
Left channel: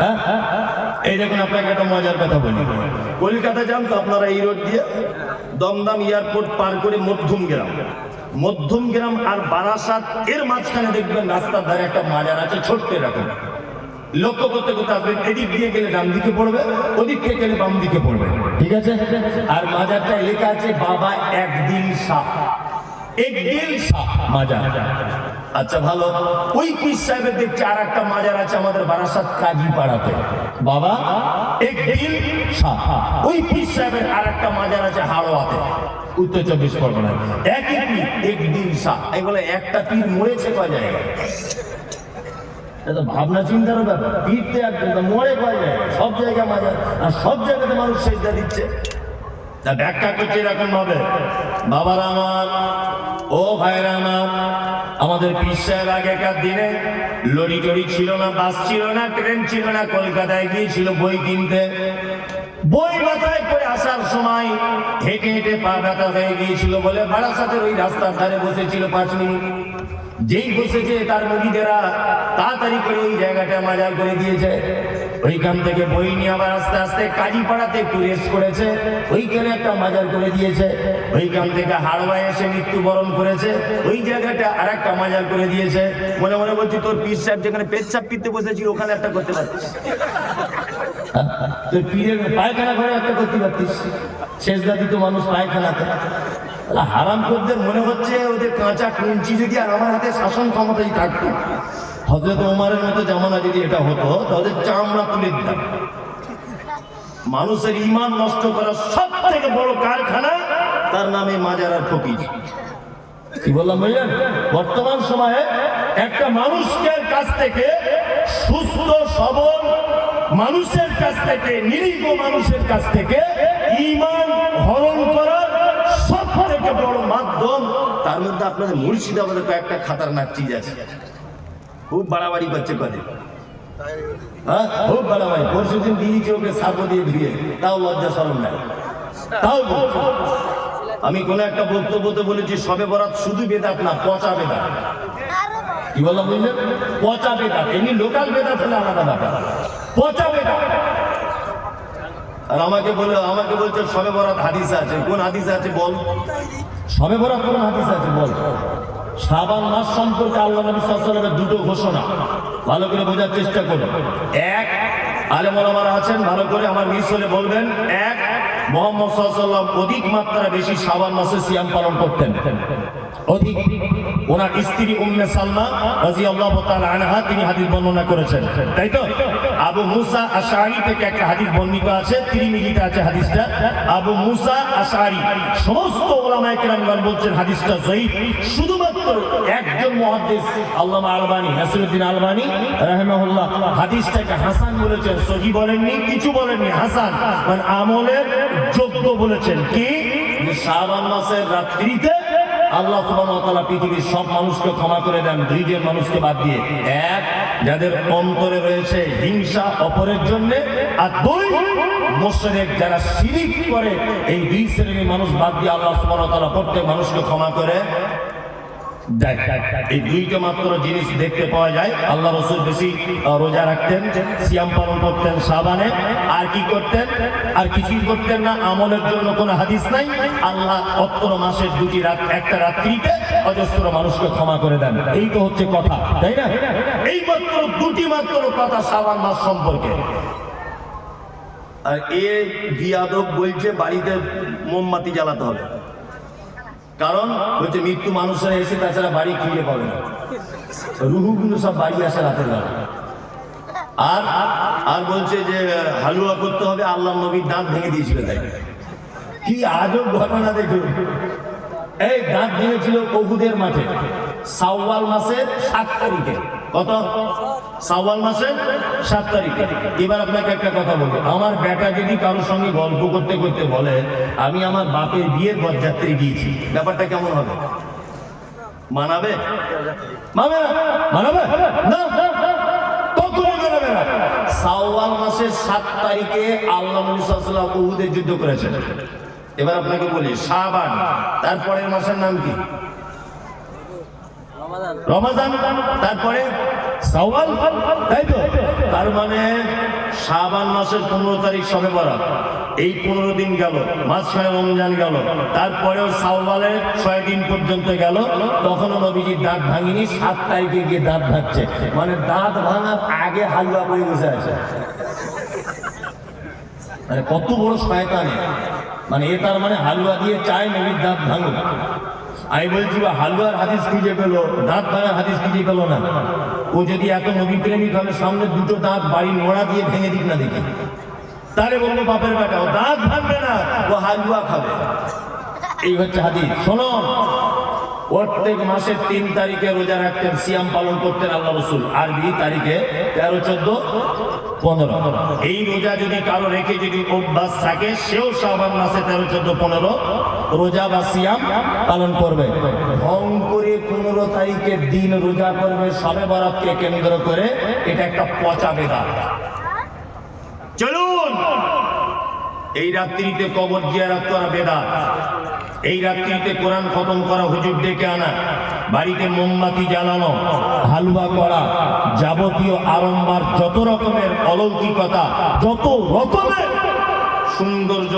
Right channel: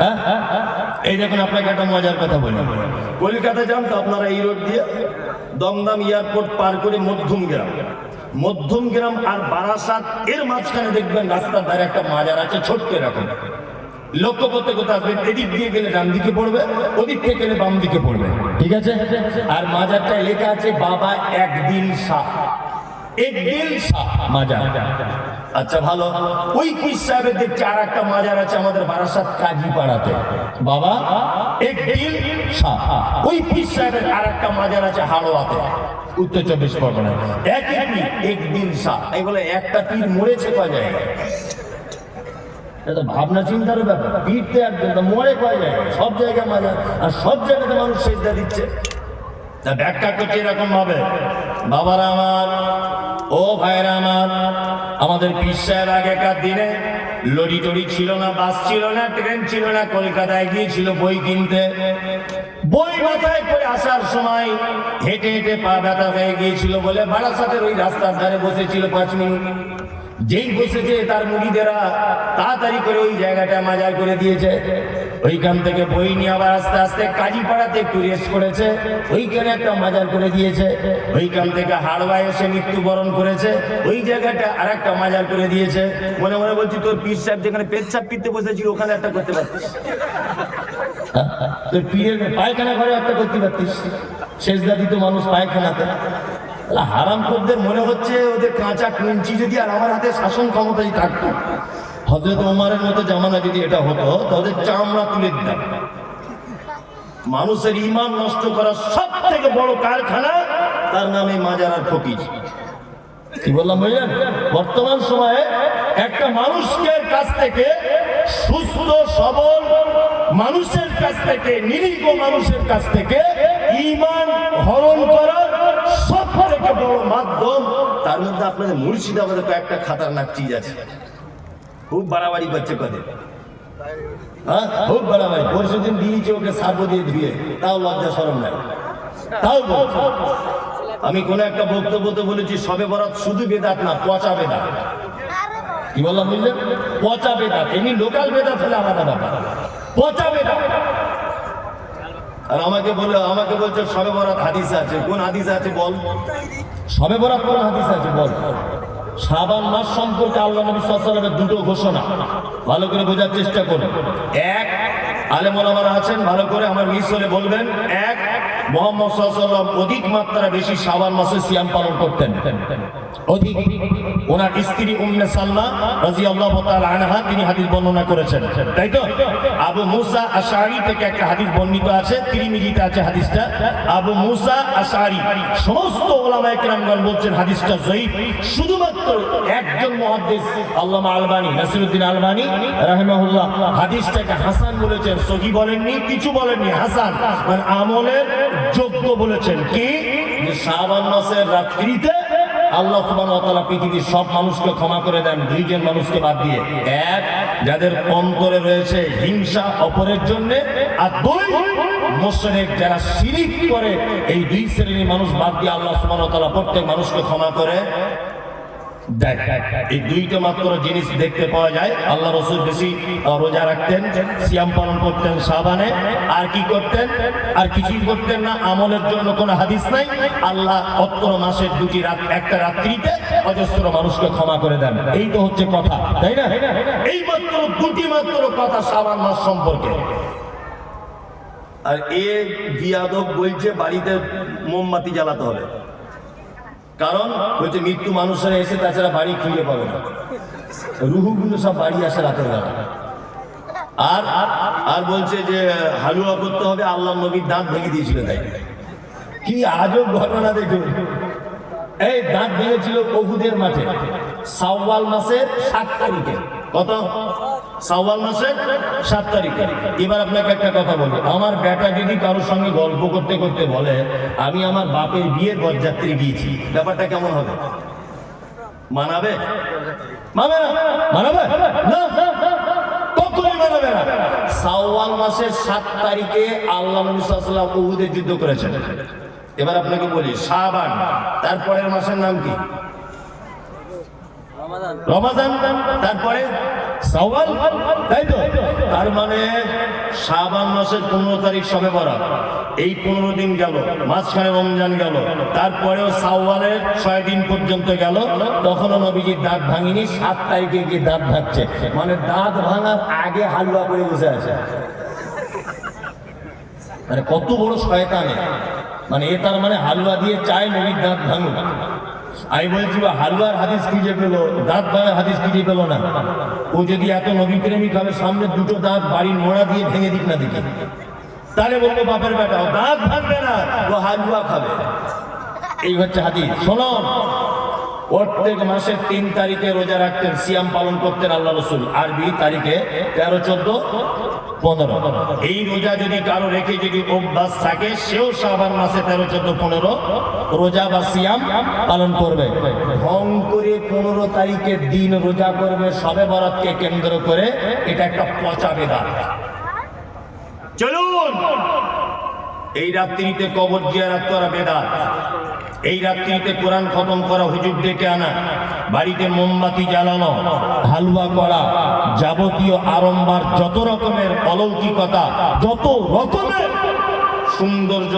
হ্যাঁ, এই দেখুন আপনাকে একটা মজার কথা বলি। কলকাতা যান তো আপনারা এই রোড দিয়ে, দমদম এয়ারপোর্ট পার করে মধ্যম গ্রাম আর বারাসাত এর মাঝখানে দেখবেন রাস্তার ধারে একটা মাজার আছে, ছোট্ট এরকম। লক্ষ্য করতে করতে আসবেন, এদিক দিয়ে গেলে ডান দিকে পড়বে, ওদিক থেকে গেলে বাম দিকে পড়বে, ঠিক আছে? আর মাজারটায় লেখা আছে বাবা একদিন শাহ, একদিন শাহ মাজার। আচ্ছা ভালো, ওই পীর সাহেবের দেখছি আর একটা মাজার আছে আমাদের বারাসাত কাজী পাড়াতে, বাবা একদিন শাহ। ওই পীর সাহেবের আর একটা মাজার আছে হাড়োয়াতে, উত্তর 24 পরগনায়, একই পীর একদিন শাহ। এই বলে একটা পীর মরেছে কয় জায়গায়? ভাবনা চিন্তার ব্যাপার। পীরতে একদিন মরে কয় জায়গায়? সব জায়গায় মাজার, আর সব জায়গাতে মানুষ সেজদা দিচ্ছে। তা ব্যাখ্যা করছে এরকম ভাবে, বাবারা আমার, ও ভাইরা আমার, আমাদের পীর সাহেব আগেকার দিনে লরি টরি ছিল না, বাস ছিল না, ট্রেন ছিল না, কলকাতায় গিয়েছিল বই কিনতে। বই মাথায় করে আসার সময় হেঁটে হেঁটে পা ব্যথা হয়ে গিয়েছিল বলে বারাসাতের ওই রাস্তার ধারে বসেছিল 5 মিনিট। যেই বসেছে তার মুরিদেরা তাড়াতাড়ি করে ওই জায়গাটা মাজার করে দিয়েছে। ওইখান থেকে বই নিয়ে আবার আস্তে আস্তে কাজীপাড়াতে একটু রেস্ট করেছে, ওইখানে একটা মাজার করে দিয়েছে। ওইখান থেকে হাড়োয়ায় এসে মৃত্যুবরণ করেছে, ওই জায়গাটা আর একটা মাজার করে দিয়েছে। মনে মনে বলছি, তোর পীর সাহেব যেখানে পেচ্ছাপ পিতে বসেছিল ওখানে একটা করতে পারতিস, তোর পীরের পায়খানা ঘরে একটা করতে পারতিস। সেজদা দিত মানুষ পায়খানাতে। হারামখোরদের মনে হচ্ছে ওদের কাঁচা কুঞ্চি যদি আর আমার হাতে শাসন ক্ষমতাই থাকতো, হযরত ওমরের মতো জামানা যদি এটা হতো, তাদের চামড়া তুলে দিতাম। মানুষের ঈমান নষ্ট করার সব থেকে বড় কারখানা, তার নামে মাজার আর ফকির। কি বললাম ভাইয়া? বর্তমান সময়ে একটা মানুষের কাছ থেকে, সুস্থ সবল মানুষের কাছ থেকে, নিরীহ মানুষের কাছ থেকে ঈমান হরণ করার সব থেকে বড় মাধ্যম। তার মধ্যে আপনাদের মুর্শিদাবাদে কয়েকটা খাতারনাক চিজ আছে, খুব বাড়াবাড়ি করছে কদিন। হ্যাঁ, খুব বাড়াবাড়ি। পরশুদিন দিয়েছে ওকে সাবো দিয়ে ধুয়ে, তাও লজ্জা শরম নাই, তাও বলছে। আমি কোন একটা বক্তব্যতে বলেছি সবে বরাত শুধু বেদাত না, পচা বেদাত। কি বললাম বুঝলেন? পচা বেদাত। এমনি লোকাল বেদাত হলে আলাদা ব্যাপার, পচা বেদাত। আর আমাকে বলছে সবে বরাত হাদিস আছে। কোন হাদিস আছে বল? সবে বরাত কোন হাদিস আছে বল? শাবান মাস সম্পর্কে আল্লাহ নবী সাল্লাল্লাহু আলাইহি ওয়াসাল্লামের দুটো ঘোষণা, ভালো করে বোঝার চেষ্টা করুন। এক, আলেম ওলামারা আছেন, ভালো করে আমার মিস হলে বলবেন। এক, মুহাম্মদ সাল্লাল্লাহু আলাইহি ওয়াসাল্লাম অধিক মাত্রা বেশি শাবান মাসে সিয়াম পালন করতেন, অধিক। ওনার স্ত্রী উম্মে সালমা রাদিয়াল্লাহু তাআলা আনহা তিনি হাদিস বর্ণনা করেছেন, তাই তো? আবু মুসা আশআরী থেকে একটা হাদিস বর্ণিত আছে, তিরমিজিতে আছে হাদিসটা। আবু মুসা আশআরী, সমস্ত উলামায়ে কেরামগণ বলছেন হাদিসটা সহিহ। শুধুমাত্র একজন মুহাদ্দিস আল্লামা আলবানী, নাসিরউদ্দিন আলবানী রাহিমাহুল্লাহ হাদিসটাকে হাসান বলেছেন, সহিহ বলেননি, কিছু বলেননি, হাসান মানে আমলের যোগ্য বলেছেন। কি? যে শাবান মাসের রাত্রিতে আল্লাহ সুবহানাহু ওয়া তাআলা পৃথিবীর সব মানুষকে ক্ষমা করে দেন, দুইজন মানুষকে বাদ দিয়ে। এক, যাদের অন্তরে রয়েছে হিংসা অপরের জন্য, আর দুই, মুশরিক যারা শিরিক করে। এই দুই শ্রেণীর মানুষ বাদ দিয়ে আল্লাহ সুবহানাহু ওয়া তাআলা প্রত্যেক মানুষকে ক্ষমা করে দেয়। এই দুইটা মাত্র জিনিস দেখতে পাওয়া যায়। আল্লাহ রাসূল বেশি রোজা রাখতেন, সিয়াম পালন করতেন শাবানে। আর কি করতেন? আর কিছুই করতেন না। আমলের জন্য কোনো হাদিস নাই। আল্লাহ অত্র মাসের দুটি রাত, একটা রাত্রিতে অজস্র মানুষকে ক্ষমা করে দেন। এই তো হচ্ছে কথা, তাই না? এই মাত্র দুটি মাত্র কথা শাবান মাস সম্পর্কে। আর এ বিয়াদব বলছে বাড়িতে মোমবাতি জ্বালাতে হবে, কারণ বলছে মৃত্যু মানুষের এসে তাছাড়া বাড়ি খুঁজে পাবে না, রুহুগুলো সব বাড়ি আসে রাতের বেলা। আর বলছে যে হালুয়া করতে হবে, আল্লাহ নবীর দাঁত ভেঙে দিয়েছিল। তাই কি আজব ঘটনা দেখুন। এই দাঁত ভেঙেছিল উহুদের মাঠে শাওয়াল মাসের 7 তারিখে। কত? শাওয়াল মাসের 7 তারিখে। এবার আপনাকে একটা কথা বলি, আমার বেটা যদি কারোর সঙ্গে গল্প করতে করতে বলে আমি আমার বাপের বিয়ের বরযাত্রী গিয়েছি, ব্যাপারটা কেমন হবে? মানাবে? মানাবে না, কখনোই মানাবে না। শাওয়াল মাসের 7 তারিখে আল্লাহ নবী সাল্লাল্লাহু আলাইহি ওয়াসাল্লাম উহুদের যুদ্ধ করেছেন। এবার আপনাকে বলি, শাবান তারপরের মাসের নাম কি? রমাদান। তারপরে শাওয়াল, তাই তো? তার মানে শাবান মাসের 15 তারিখ শবে বরাত, এই 15 দিন গেল, মাঝখানে রমজান গেল, তারপরেও শাওয়ালের 6 দিন পর্যন্ত গেল, তখনও নবীজির দাঁত ভাঙিনি। 7 তারিখে গিয়ে দাঁত ভাঙছে, মানে দাঁত ভাঙার আগে হালুয়া করে বসে আছে। মানে কত বড় শয়তানি! মানে এ তার মানে হালুয়া দিয়ে চায় নবীর দাঁত ভাঙুক। আমি বলছি হালুয়ার হাদিস খুঁজে পেলো, দাঁত ভাঙার হাদিস খুঁজে পেলো না। ও যদি এত নবী প্রেমিক হবে, সামনে দুটো দাঁত বাড়ি নোড়া দিয়ে ভেঙে দিক না দেখি, তাহলে বলবো বাপের বেটা ও দাঁত ভাঙবে না, ও হালুয়া খাবে। এই হচ্ছে হাদিস। শোনো, প্রত্যেক মাসের 3 তারিখে রোজা রাখতেন, সিয়াম পালন করতেন আল্লাহ রাসূল। আরবি তারিখে 13, 14, 15। এই রোজা যদি কারো রেখে যদি অভ্যাস থাকে, সেও শাবান মাসে 13, 14, 15 রোজা বা সিয়াম পালন করবে। ভং করে 15 তারিখের দিন রোজা করবে শবে বরাতকে কেন্দ্র করে, এটা একটা পচা বেদাত। চলুন, এই রাত্রিতে কবর জিয়ারত করা বেদাত, এই রাত্রিতে কোরআন খতম করা, হুজুর ডেকে আনা, বাড়িতে মোমবাতি জ্বালানো, হালুয়া করা, যাবতীয় আড়ম্বর, যত রকমের অলৌকিকতা, যত রকমের সৌন্দর্য,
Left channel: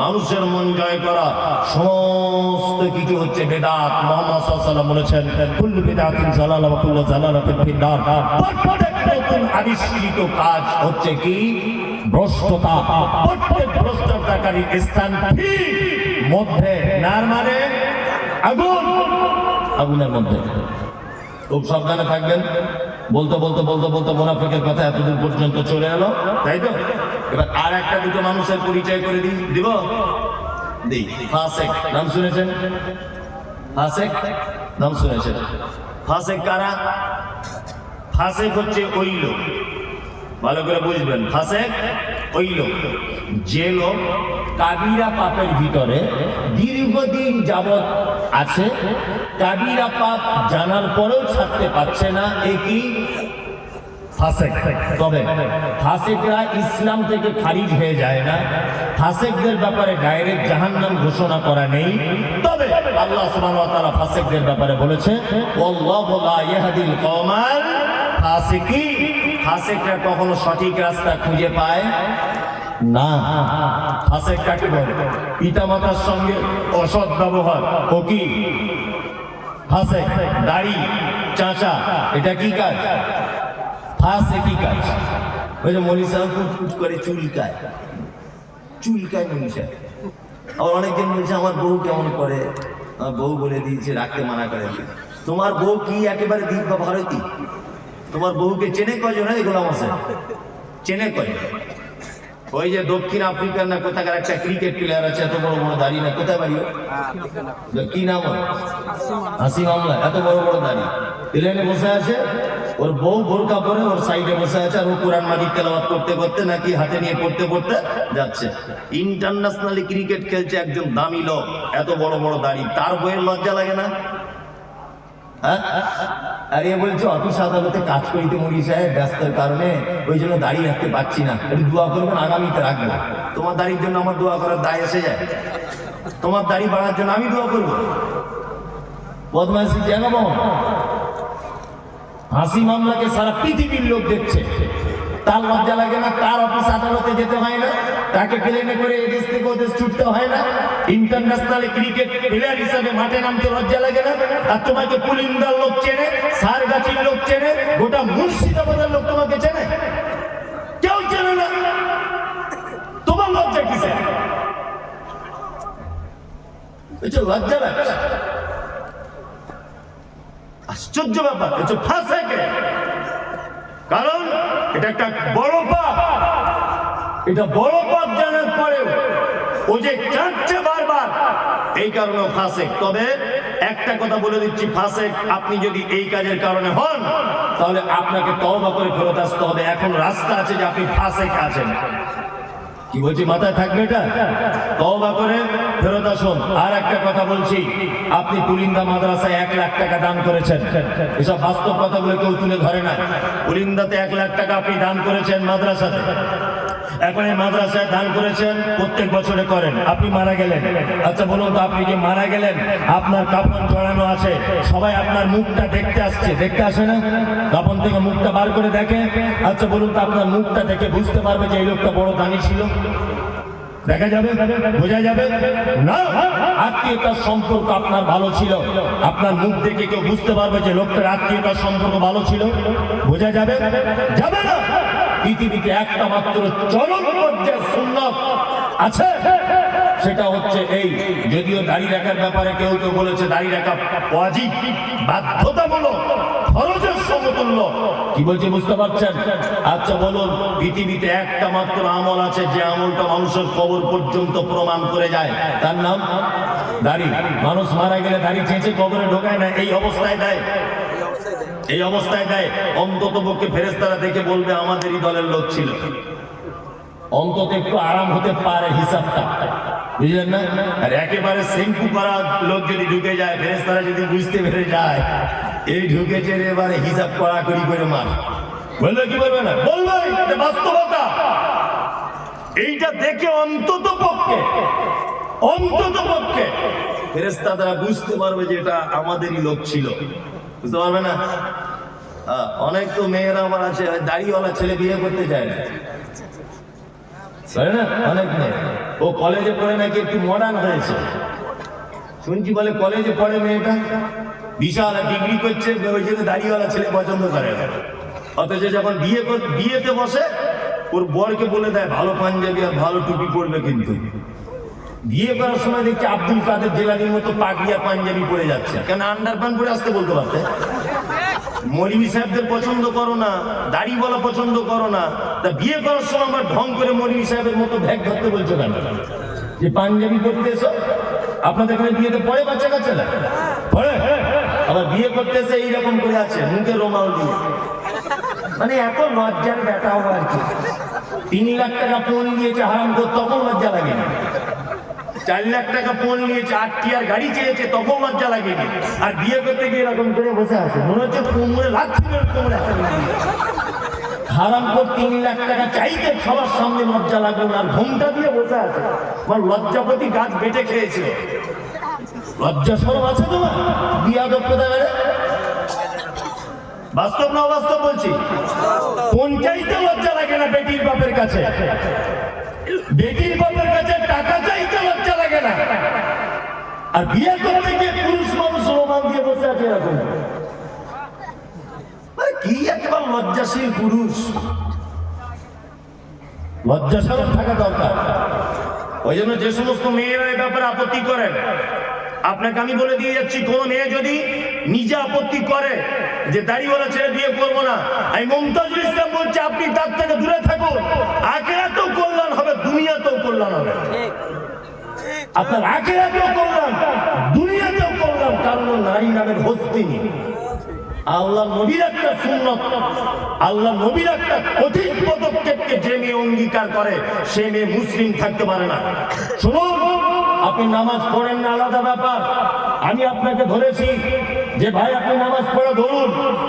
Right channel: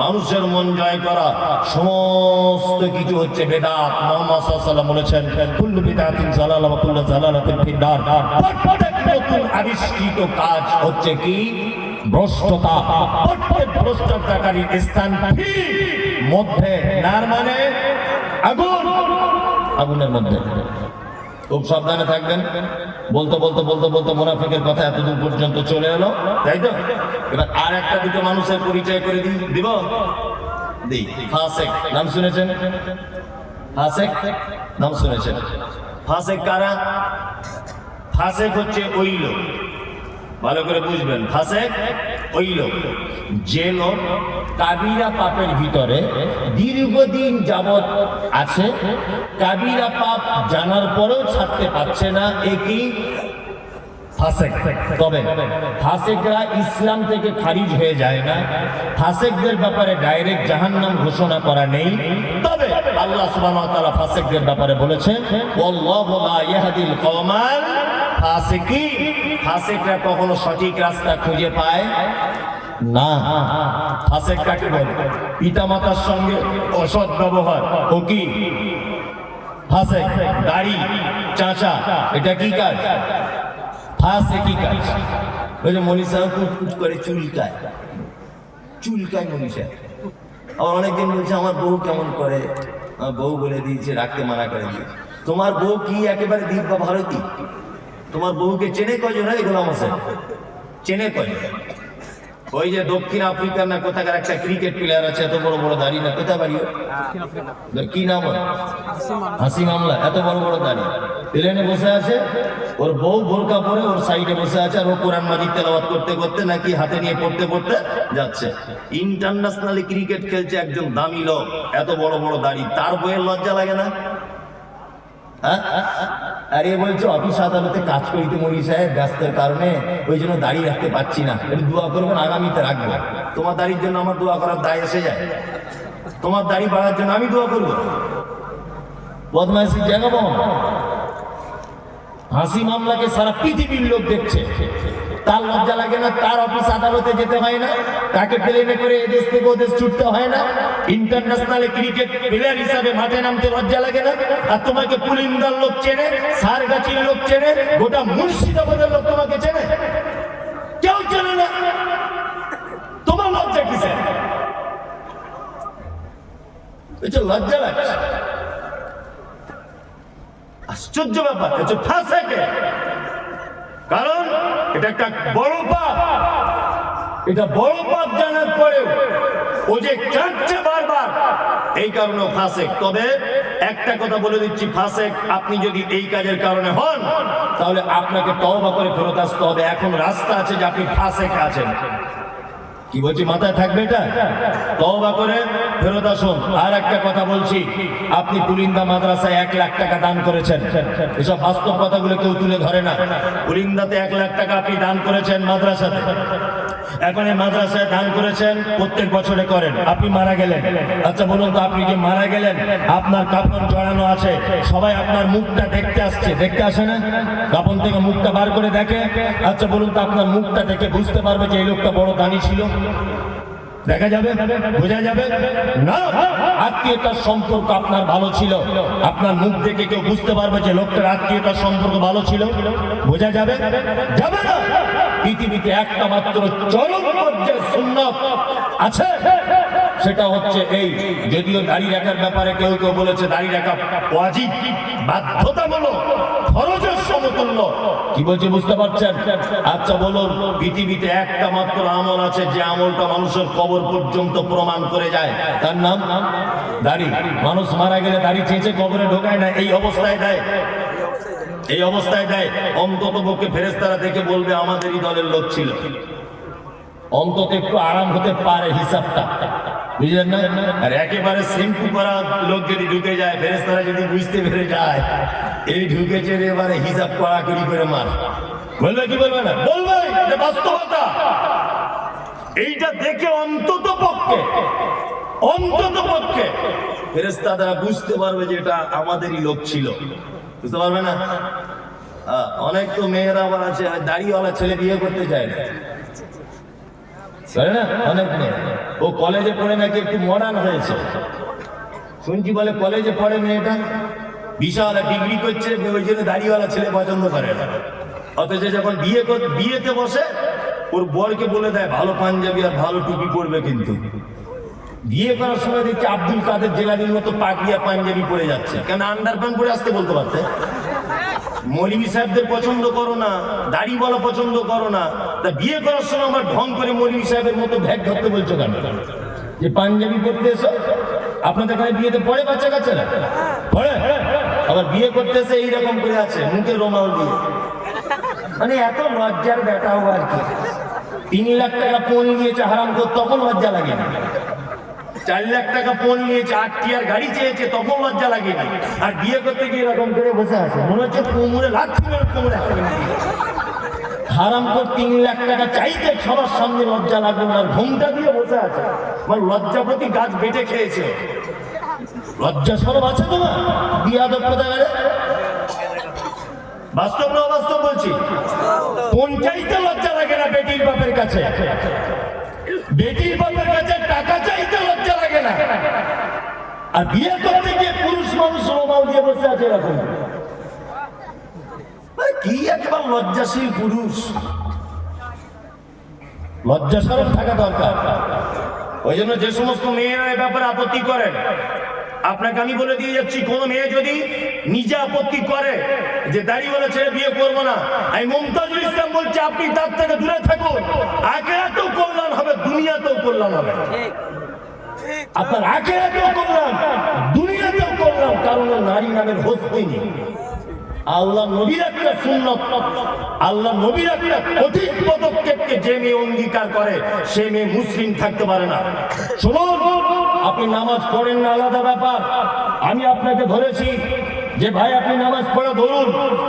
মানুষের মন জয় করা, সমস্ত কিছু হচ্ছে বেদাত। মুহাম্মদ সাল্লাল্লাহু আলাইহি ওয়াসাল্লাম বলেছেন, কুল্লু বিদআতিন যালালা ওয়া কুল্লু যালালাতিন ফিন-নার। প্রত্যেক নতুন আবিষ্কৃত কাজ হচ্ছে কি? ভ্রষ্টতা। প্রত্যেক ভ্রষ্টতাকারী স্থান মধ্যে, নার মানে আগুন, আগুনের মধ্যে। খুব সাবধানে থাকবেন। বলতে বলতে বলতে বলতে মুনাফিকের কথা এতদূর পর্যন্ত চলে এলো, তাই তো? এবার আর একটা দুটো মানুষের পরিচয় করে দিব। ফাসেক নাম শুনেছেন? ফাসেক নাম শুনেছেন? ফাসেক কারা? ফাসেক হচ্ছে ওই লোক, ভালো করে বুঝবেন, ফাসেক ওই লোক যে লোক কাবিরা পাপের ভিতরে দীর্ঘদিন যাবৎ আছে, কাবিরা পাপ জানার পরেও ছাড়তে পারছে না। ফাসেক। তবে ফাসেকরা ইসলাম থেকে খারিজ হয়ে যায় না, ফাসেকদের ব্যাপারে ডাইরেক্ট জাহান্নাম ঘোষণা করা নেই। তবে আল্লাহ সুবহানাহু ওয়া তাআলা ফাসেকদের ব্যাপারে বলেছে ওয়াল্লাহু লা ইয়াহদিল কওমাল ফাসিকিন। ফাসেকরা কখনো সঠিক রাস্তা খুঁজে পায় না। ফাসেক কাকে বলে? পিতামাতার সঙ্গে অসৎ ব্যবহার, ও কি ফাসেক? দাড়ি চাচা, এটা কি কাজ? ফাসেকি কাজ। ওই যে মনীষা কুট করে চুলকায়, চুলকায় মনীষা। আবার অনেকজন বলছে আমার বউ কেমন করে, আমার বউ বলে দিয়েছে, রাখতে মানা করে দিয়েছে। তোমার বউ কি একেবারে দ্বীপ বা ভারতী? তোমার বউকে চেনে কজন? গোলাম হোসেন চেনে কজন? ওই যে দক্ষিণ আফ্রিকার না কোথাকার একটা ক্রিকেট প্লেয়ার আছে, এত বড় বড় দাড়ি, না কোথায় বাড়ি, কি নাম? হাসিম আমলা। এত বড় বড় দাড়ি, প্লেনে বসে আছে, ওর বউ বোরকা পরে ওর সাইডে বসে আছে, আর ও কোরআন মাজিদ তেলাওয়াত করতে করতে নাকি হাতে নিয়ে পড়তে পড়তে যাচ্ছে। ইন্টারন্যাশনালি ক্রিকেট খেলছে একজন দামি লোক, এত বড় বড় দাড়ি, তার বইয়ের লজ্জা লাগে না? হ্যাঁ, আর এ বলছে অফিস আদালতে কাজ করিতে মরি সাহেব, ব্যস্তের কারণে ওই জন্য দাড়ি রাখতে পারছি না, একটু দোয়া করবেন, আগামীতে রাখবো। তোমার দাড়ির জন্য আমার দোয়া করার দায় এসে যায়? তোমার দাড়ি বাড়ার জন্য আমি দোয়া করবো? বদমাইশি যেন বাবা। হাসিম আমলাকে সারা পৃথিবীর লোক দেখছে, তার লজ্জা লাগে না? তার অফিস আদালতে যেতে হয় না? তাকে প্লেনে করে এদেশ থেকে ওদেশ ছুটতে হয় না? ইন্টারন্যাশনাল ক্রিকেট প্লেয়ার হিসাবে মাঠে নামতে লজ্জা লাগে না? আর তোমাকে পুলিন্দার লোক চেনে, সারগাছির লোক চেনে, গোটা মুর্শিদাবাদের লোক তোমাকে চেনে? কেউ চেনে না। তোমার লজ্জা কিসে? লজ্জা লাগছে, আশ্চর্য ব্যাপার। ফাসেকে, কারণ এটা একটা বড় পাপ। এটা বড় পাপ জানার পরেও ও যে কাঁদছে বারবার, এই কারণেও ফাসেক। তবে একটা কথা বলে দিচ্ছি, ফাসেক আপনি যদি এই কাজের কারণে হন, তাহলে আপনাকে তওবা করে ফেরত আসতে হবে। এখন রাস্তা আছে যে আপনি ফাসেক আছেন। কি বলছি, মাথায় থাকবে এটা? তওবা করে ফেরত আসুন। আর একটা কথা বলছি, আপনি পুলিন্দা মাদ্রাসায় 1 লাখ টাকা দান করেছেন, এসব বাস্তব কথাগুলো কেউ তুলে ধরে না। পুলিন্দাতে 1 লাখ টাকা আপনি দান করেছেন মাদ্রাসাতে। এখন এই মাদ্রাসায় দান করেছেন, প্রত্যেক বছরে করেন। আপনি মারা গেলেন, আচ্ছা বলুন তো, আপনি যে মারা গেলেন, আপনার কাফন জড়ানো আছে, সবাই আপনার মুখটা দেখতে আসছে, দেখতে আসে না? কাফন থেকে মুখটা বার করে দেখে। আচ্ছা বলুন তো, আপনার মুখটা দেখে বুঝতে পারবে যে এই লোকটা বড় দানি ছিল? দেখা যাবে? বোঝা যাবে না? আত্মীয়তার সম্পর্ক আপনার ভালো ছিল, আপনার মুখ দেখে কেউ বুঝতে পারবে যে লোকটার আত্মীয়তার সম্পর্ক ভালো ছিল? বোঝা যাবে? যাবে না। পৃথিবীতে একটা মাত্র চরম পর্যায়ের সুন্নাত আছে, সেটা হচ্ছে এই। যদিও দাড়ি রাখার ব্যাপারে কেউ কেউ বলেছে দাড়ি রাখা ওয়াজিব, বাধ্যতামূলক, ফরজের সমতুল্য। কি বলছে বুঝতে পারছেন? আচ্ছা বলুন, পৃথিবীতে একটা মাত্র আমল আছে, যে আমলটা মানুষের কবর পর্যন্ত প্রমাণ করে যায়, তার নাম দাড়ি। মানুষ মারা গেলে দাড়ি চেঁচে কবরে ঢোকায় না, এই অবস্থায় দেয়, এই অবস্থায় দেয়। অন্তত পক্ষে ফেরেশতারা দেখে বলবে আমাদেরই দলের লোক ছিল। অন্তত একটু আরাম হতে পারে হিসাবটা, বুঝলেন না? আর একেবারে শ্যাম্পু করা লোক যদি ঢুকে যায়, ফেরেশতারা যদি বুঝতে পেরে যায় এই ঢুকেছে, এবারে হিসাব কড়াকড়ি করে মার, বলবে কি বলবে না? বলবে, এটা বাস্তবতা। এইটা দেখে অন্তত পক্ষে ফেরেশতারা বুঝতে পারবে যে এটা আমাদেরই লোক ছিল। বুঝতে পারবে না? অনেক তো মেয়েরা আবার আছে, দাড়িওয়ালা ছেলে বিয়ে করতে চায় না, না? অনেক মেয়ে, ও কলেজে পড়ে নাকি একটু মডার্ন হয়েছে, শুনছি বলে কলেজে পড়ে মেয়েটা, বিশাল ডিগ্রি করছে, ওই জন্য দাড়িওয়ালা ছেলে পছন্দ করে না। অথচ যখন বিয়েতে বসে, ওর বরকে বলে দেয় ভালো পাঞ্জাবি আর ভালো টুপি পরবে, কিন্তু বিয়ে করার সময় দেখছি আব্দুল কাদের জেলানির মতো পাগড়ি আর পাঞ্জাবি পরে যাচ্ছে। কেন আন্ডারপ্যান্ট পরে আসতে বলতে পারতে? মৌলভী সাহেবদের পছন্দ করো না, দাড়ি বলা পছন্দ করো না, তা বিয়ে করার সময় আবার ঢং করে মৌলভী সাহেবের মতো ব্যাগ ধরতে বলছো কেন? যে পাঞ্জাবি পরতে এসো, আপনাদের এখানে বিয়েতে পড়ে বাচ্চা কাচ্চারা পড়ে, আবার বিয়ে করতে এসে এইরকম করে আছে, মুখে রুমাল দিয়ে। মানে এত লজ্জার ব্যাটাও আর কি। 3 লাখ টাকা ফোন নিয়েছে হারাম করে, তখন লজ্জা লাগে না। 4 লাখ টাকা ফোন নিয়েছে, 8টি আর গাড়ি চেয়েছে, তখন লজ্জা লাগেনি। আর বিয়ে করতে গিয়ে এরকম করে বসে আছে, মনে হচ্ছে কোমরে লাথি মেরে কোমরে হাতে দিয়ে। হারাম করে 3 লাখ টাকা চাইতে সবার সামনে লজ্জা লাগলো না, ঘুমটা দিয়ে বসে আছে। আমার লজ্জাপতি গাছ বেটে খেয়েছিল। লজ্জা সরব আছে তো না? বিয়াদব কোথাকারে। বাস্তব না অবাস্তব বলছি? কোন চাইতে লজ্জা লাগে না বেটির বাপের কাছে? বেটির বাপের কাছে টাকা চাইতে লজ্জা লাগে না, আর বিয়ে করতে গিয়ে পুরুষ মানুষ রোমাল দিয়ে বসে আছে এরকম। কি একেবারে লজ্জাশীল পুরুষ। লজ্জাশীল থাকা দরকার। ওই জন্য যে সমস্ত মেয়েরা এ ব্যাপারে আপত্তি করেন, আপনাকে আমি বলে দিয়ে যাচ্ছি, কোন মেয়ে যদি নিজে আপত্তি করে যে দাড়িওয়ালা ছেলে বিয়ে করবো না, আমি মুমতাজুল ইসলাম বলছি আপনি তার থেকে দূরে থাকুন। আখিরাতেও কল্যাণ হবে, দুনিয়াতেও কল্যাণ হবে। আপনার আখিরাতেও কল্যাণ, দুনিয়াতেও কল্যাণ। কারণ নারী নামের হস্তি। আল্লাহ নবীর একটা সুন্নত, আল্লাহ নবীর একটা কঠিন পদক্ষেপকে যে মেয়ে অঙ্গীকার করে সে মেয়ে মুসলিম থাকতে পারে না। শুনুন, আপনি নামাজ পড়েন না আলাদা ব্যাপার। আমি আপনাকে ধরেছি যে ভাই আপনি নামাজ পড়া ধরুন,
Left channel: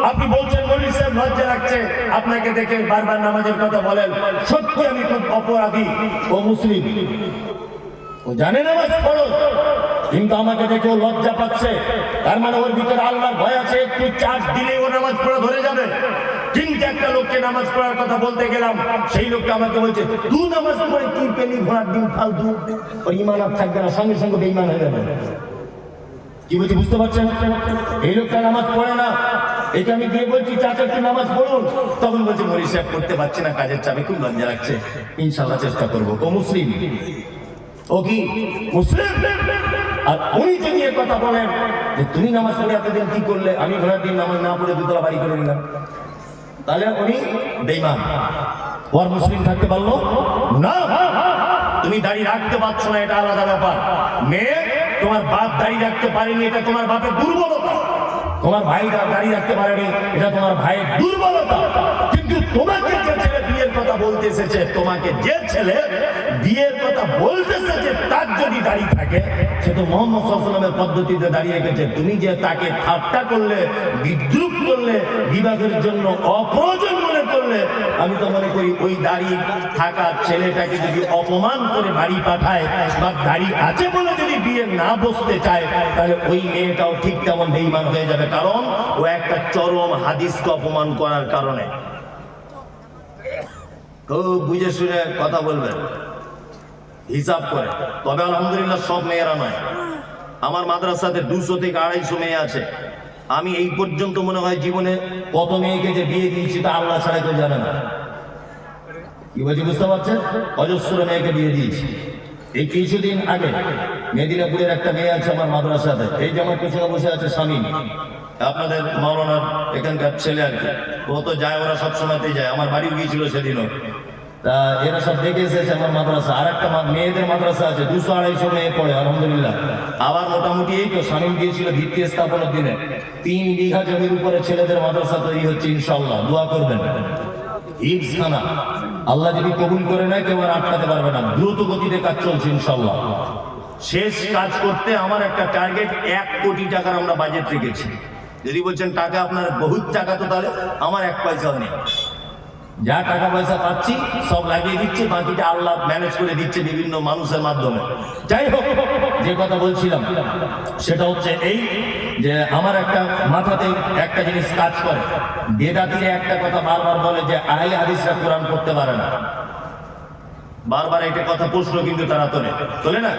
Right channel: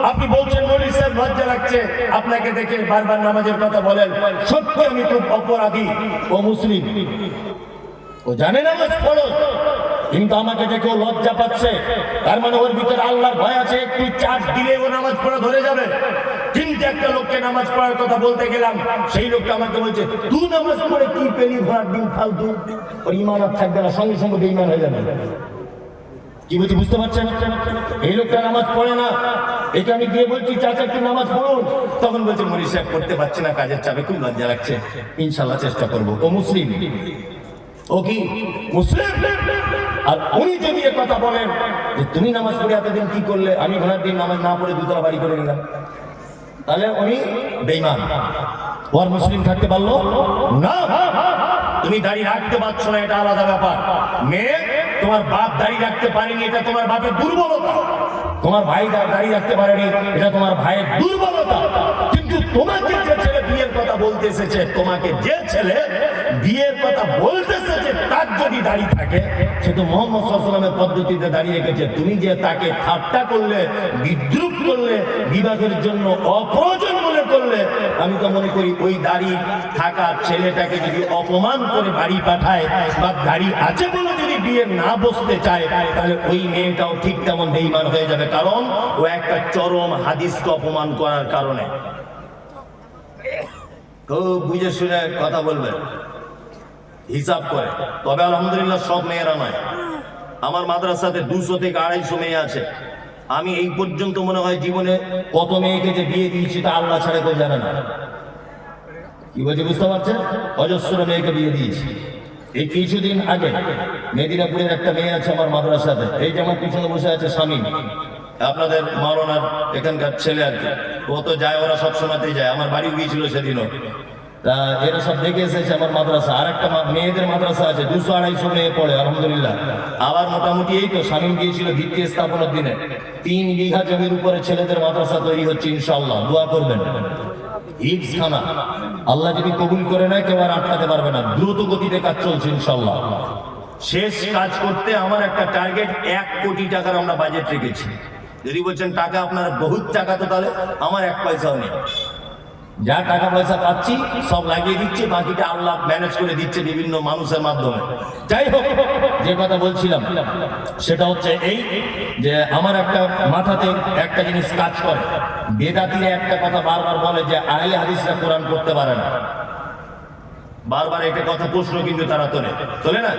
আপনি বলছেন মৌলভী সাহেব লজ্জা লাগছে আপনাকে দেখে বারবার নামাজের কথা বলেন। সত্যি আমি খুব অপরাধী। ও মুসলিম, ও জানে নামাজ পড়ো, কিন্তু আমাকে দেখেও লজ্জা পাচ্ছে। তার মানে ওর ভিতরে আল্লাহর ভয় আছে। একটু চার্জ দিলে ও নামাজ পড়া ধরে যাবে। কিন্তু একটা লোককে নামাজ পড়ার কথা বলতে গেলাম, সেই লোকটা আমাকে বলছে তুই নামাজ পড়ে কি পেলি, ঘোড়ার ডিম ফালতু, ওর ইমান আর থাকবে না, সঙ্গে সঙ্গে বেঈমান হয়ে যাবে। কি বলছি বুঝতে পারছেন? এই লোকটা নামাজ পড়ে না, এটা আমি গিয়ে বলছি চাচা একটু নামাজ পড়ুন, তখন বলছে মৌলভী সাহেব করতে পারছি না, কাজের চাপে খুব লজ্জা লাগছে, ইনশাল্লাহ চেষ্টা করবো। ও মুসলিম, ও কি মুসলিম? আর উনি যদি এ কথা বলেন যে তুমি নামাজ পড়ে এতদিন কি করলে, আমি ঘোড়ার দিন নামাজ না পড়ে দুতলা বাড়ি করে নিলাম, তাহলে উনি বেঈমান। ওর মুসলিম থাকতে পারলো না। তুমি দাড়ি রাখতে পারছো না, এটা আলাদা ব্যাপার। মেয়ে, তোমার বাপ দাড়ি রাখতে পারেনি, এটা তোমার বাপের দুর্বলতা। তোমার ভাই দাড়ি রাখতে পারেনি, এটা তোমার ভাইয়ের দুর্বলতা। কিন্তু তোমাকে যে ছেলে বিয়ের কথা বলতে এসেছে, তোমাকে যে ছেলে বিয়ের কথা বলতে এসেছে, তার যদি দাড়ি থাকে, সে তো মুহাম্মদ সাল্লাল্লাহু আলাইহি ওয়াসাল্লামের পদ্ধতিতে দাঁড়িয়ে রেখেছে। তুমি যে তাকে ঠাট্টা করলে, বিদ্রুপ করলে, বিবাহের জন্য অপ্রয়োজন মনে করলে, আমি তো মনে করি ওই দাড়ি থাকা ছেলেটাকে যদি অপমান করে বাড়ি পাঠায়, বা দাড়ি আছে বলে যদি বিয়ে না বসতে চায়, তাহলে ওই মেয়েটাও ঠিক তেমন বেঈমান হয়ে যাবে। কারণ ও একটা চরম হাদিসকে অপমান করার কারণে। খুব বুঝে শুনে কথা বলবেন, হিসাব করে। তবে আলহামদুলিল্লাহ সব মেয়েরা নয়। আমার মাদ্রাসাতে 200 থেকে 250 মেয়ে আছে। আমি এই পর্যন্ত মনে হয় জীবনে কত মেয়েকে যে বিয়ে দিয়েছি তা আল্লাহ ছাড়া কেউ জানে না। কি বলছি বুঝতে পারছেন? অজস্র মেয়েকে বিয়ে দিয়েছি। এই কিছুদিন আগে মেদিনীপুরের একটা মেয়ে আছে আমার মাদ্রাসাতে, এই যে আমার পিছনে বসে আছে শামীম, আপনাদের মাওলানার এখানকার ছেলে আর কি। ও তো যায়, ওরা সব সময়তেই যায়, আমার বাড়িও গিয়েছিল সেদিনও। তা এরা সব দেখে এসেছে আমার মাদ্রাসা। আর একটা মেয়েদের মাদ্রাসা আছে, 200-250 মেয়ে পড়ে আলহামদুলিল্লাহ। আবার মোটামুটি এই তো শামীম গিয়েছিল ভিত্তি স্থাপনের দিনে, 3 বিঘা জমির উপরে ছেলেদের মাদ্রাসা তৈরি হচ্ছে ইনশাআল্লাহ। দোয়া করবেন। হিফজখানা আল্লাহ যদি কবুল করে নেয়, কেউ আর আটকাতে পারবে না। দ্রুত গতিতে কাজ চলছে ইনশাআল্লাহ। শেষ কাজ করতে আমার একটা টার্গেট 1 কোটি টাকার আমরা বাজেট রেখেছি। যদি বলছেন টাকা আপনার বহুত টাকা, তো তাহলে আমার 1 পয়সাও নেই। যা টাকা পয়সা পাচ্ছি সব লাগিয়ে দিচ্ছি, বাকিটা আল্লাহ ম্যানেজ করে দিচ্ছে বিভিন্ন মানুষের মাধ্যমে। যাই হোক, যে কথা বলছিলাম সেটা হচ্ছে এই যে আমার একটা মাথাতে একটা জিনিস কাজ করে। বেদাতিরা একটা কথা বারবার বলে যে আহলে হাদিসরা কোরআন পড়তে পারে না। বারবার একটা কথা প্রশ্ন কিন্তু তারা তোলে না।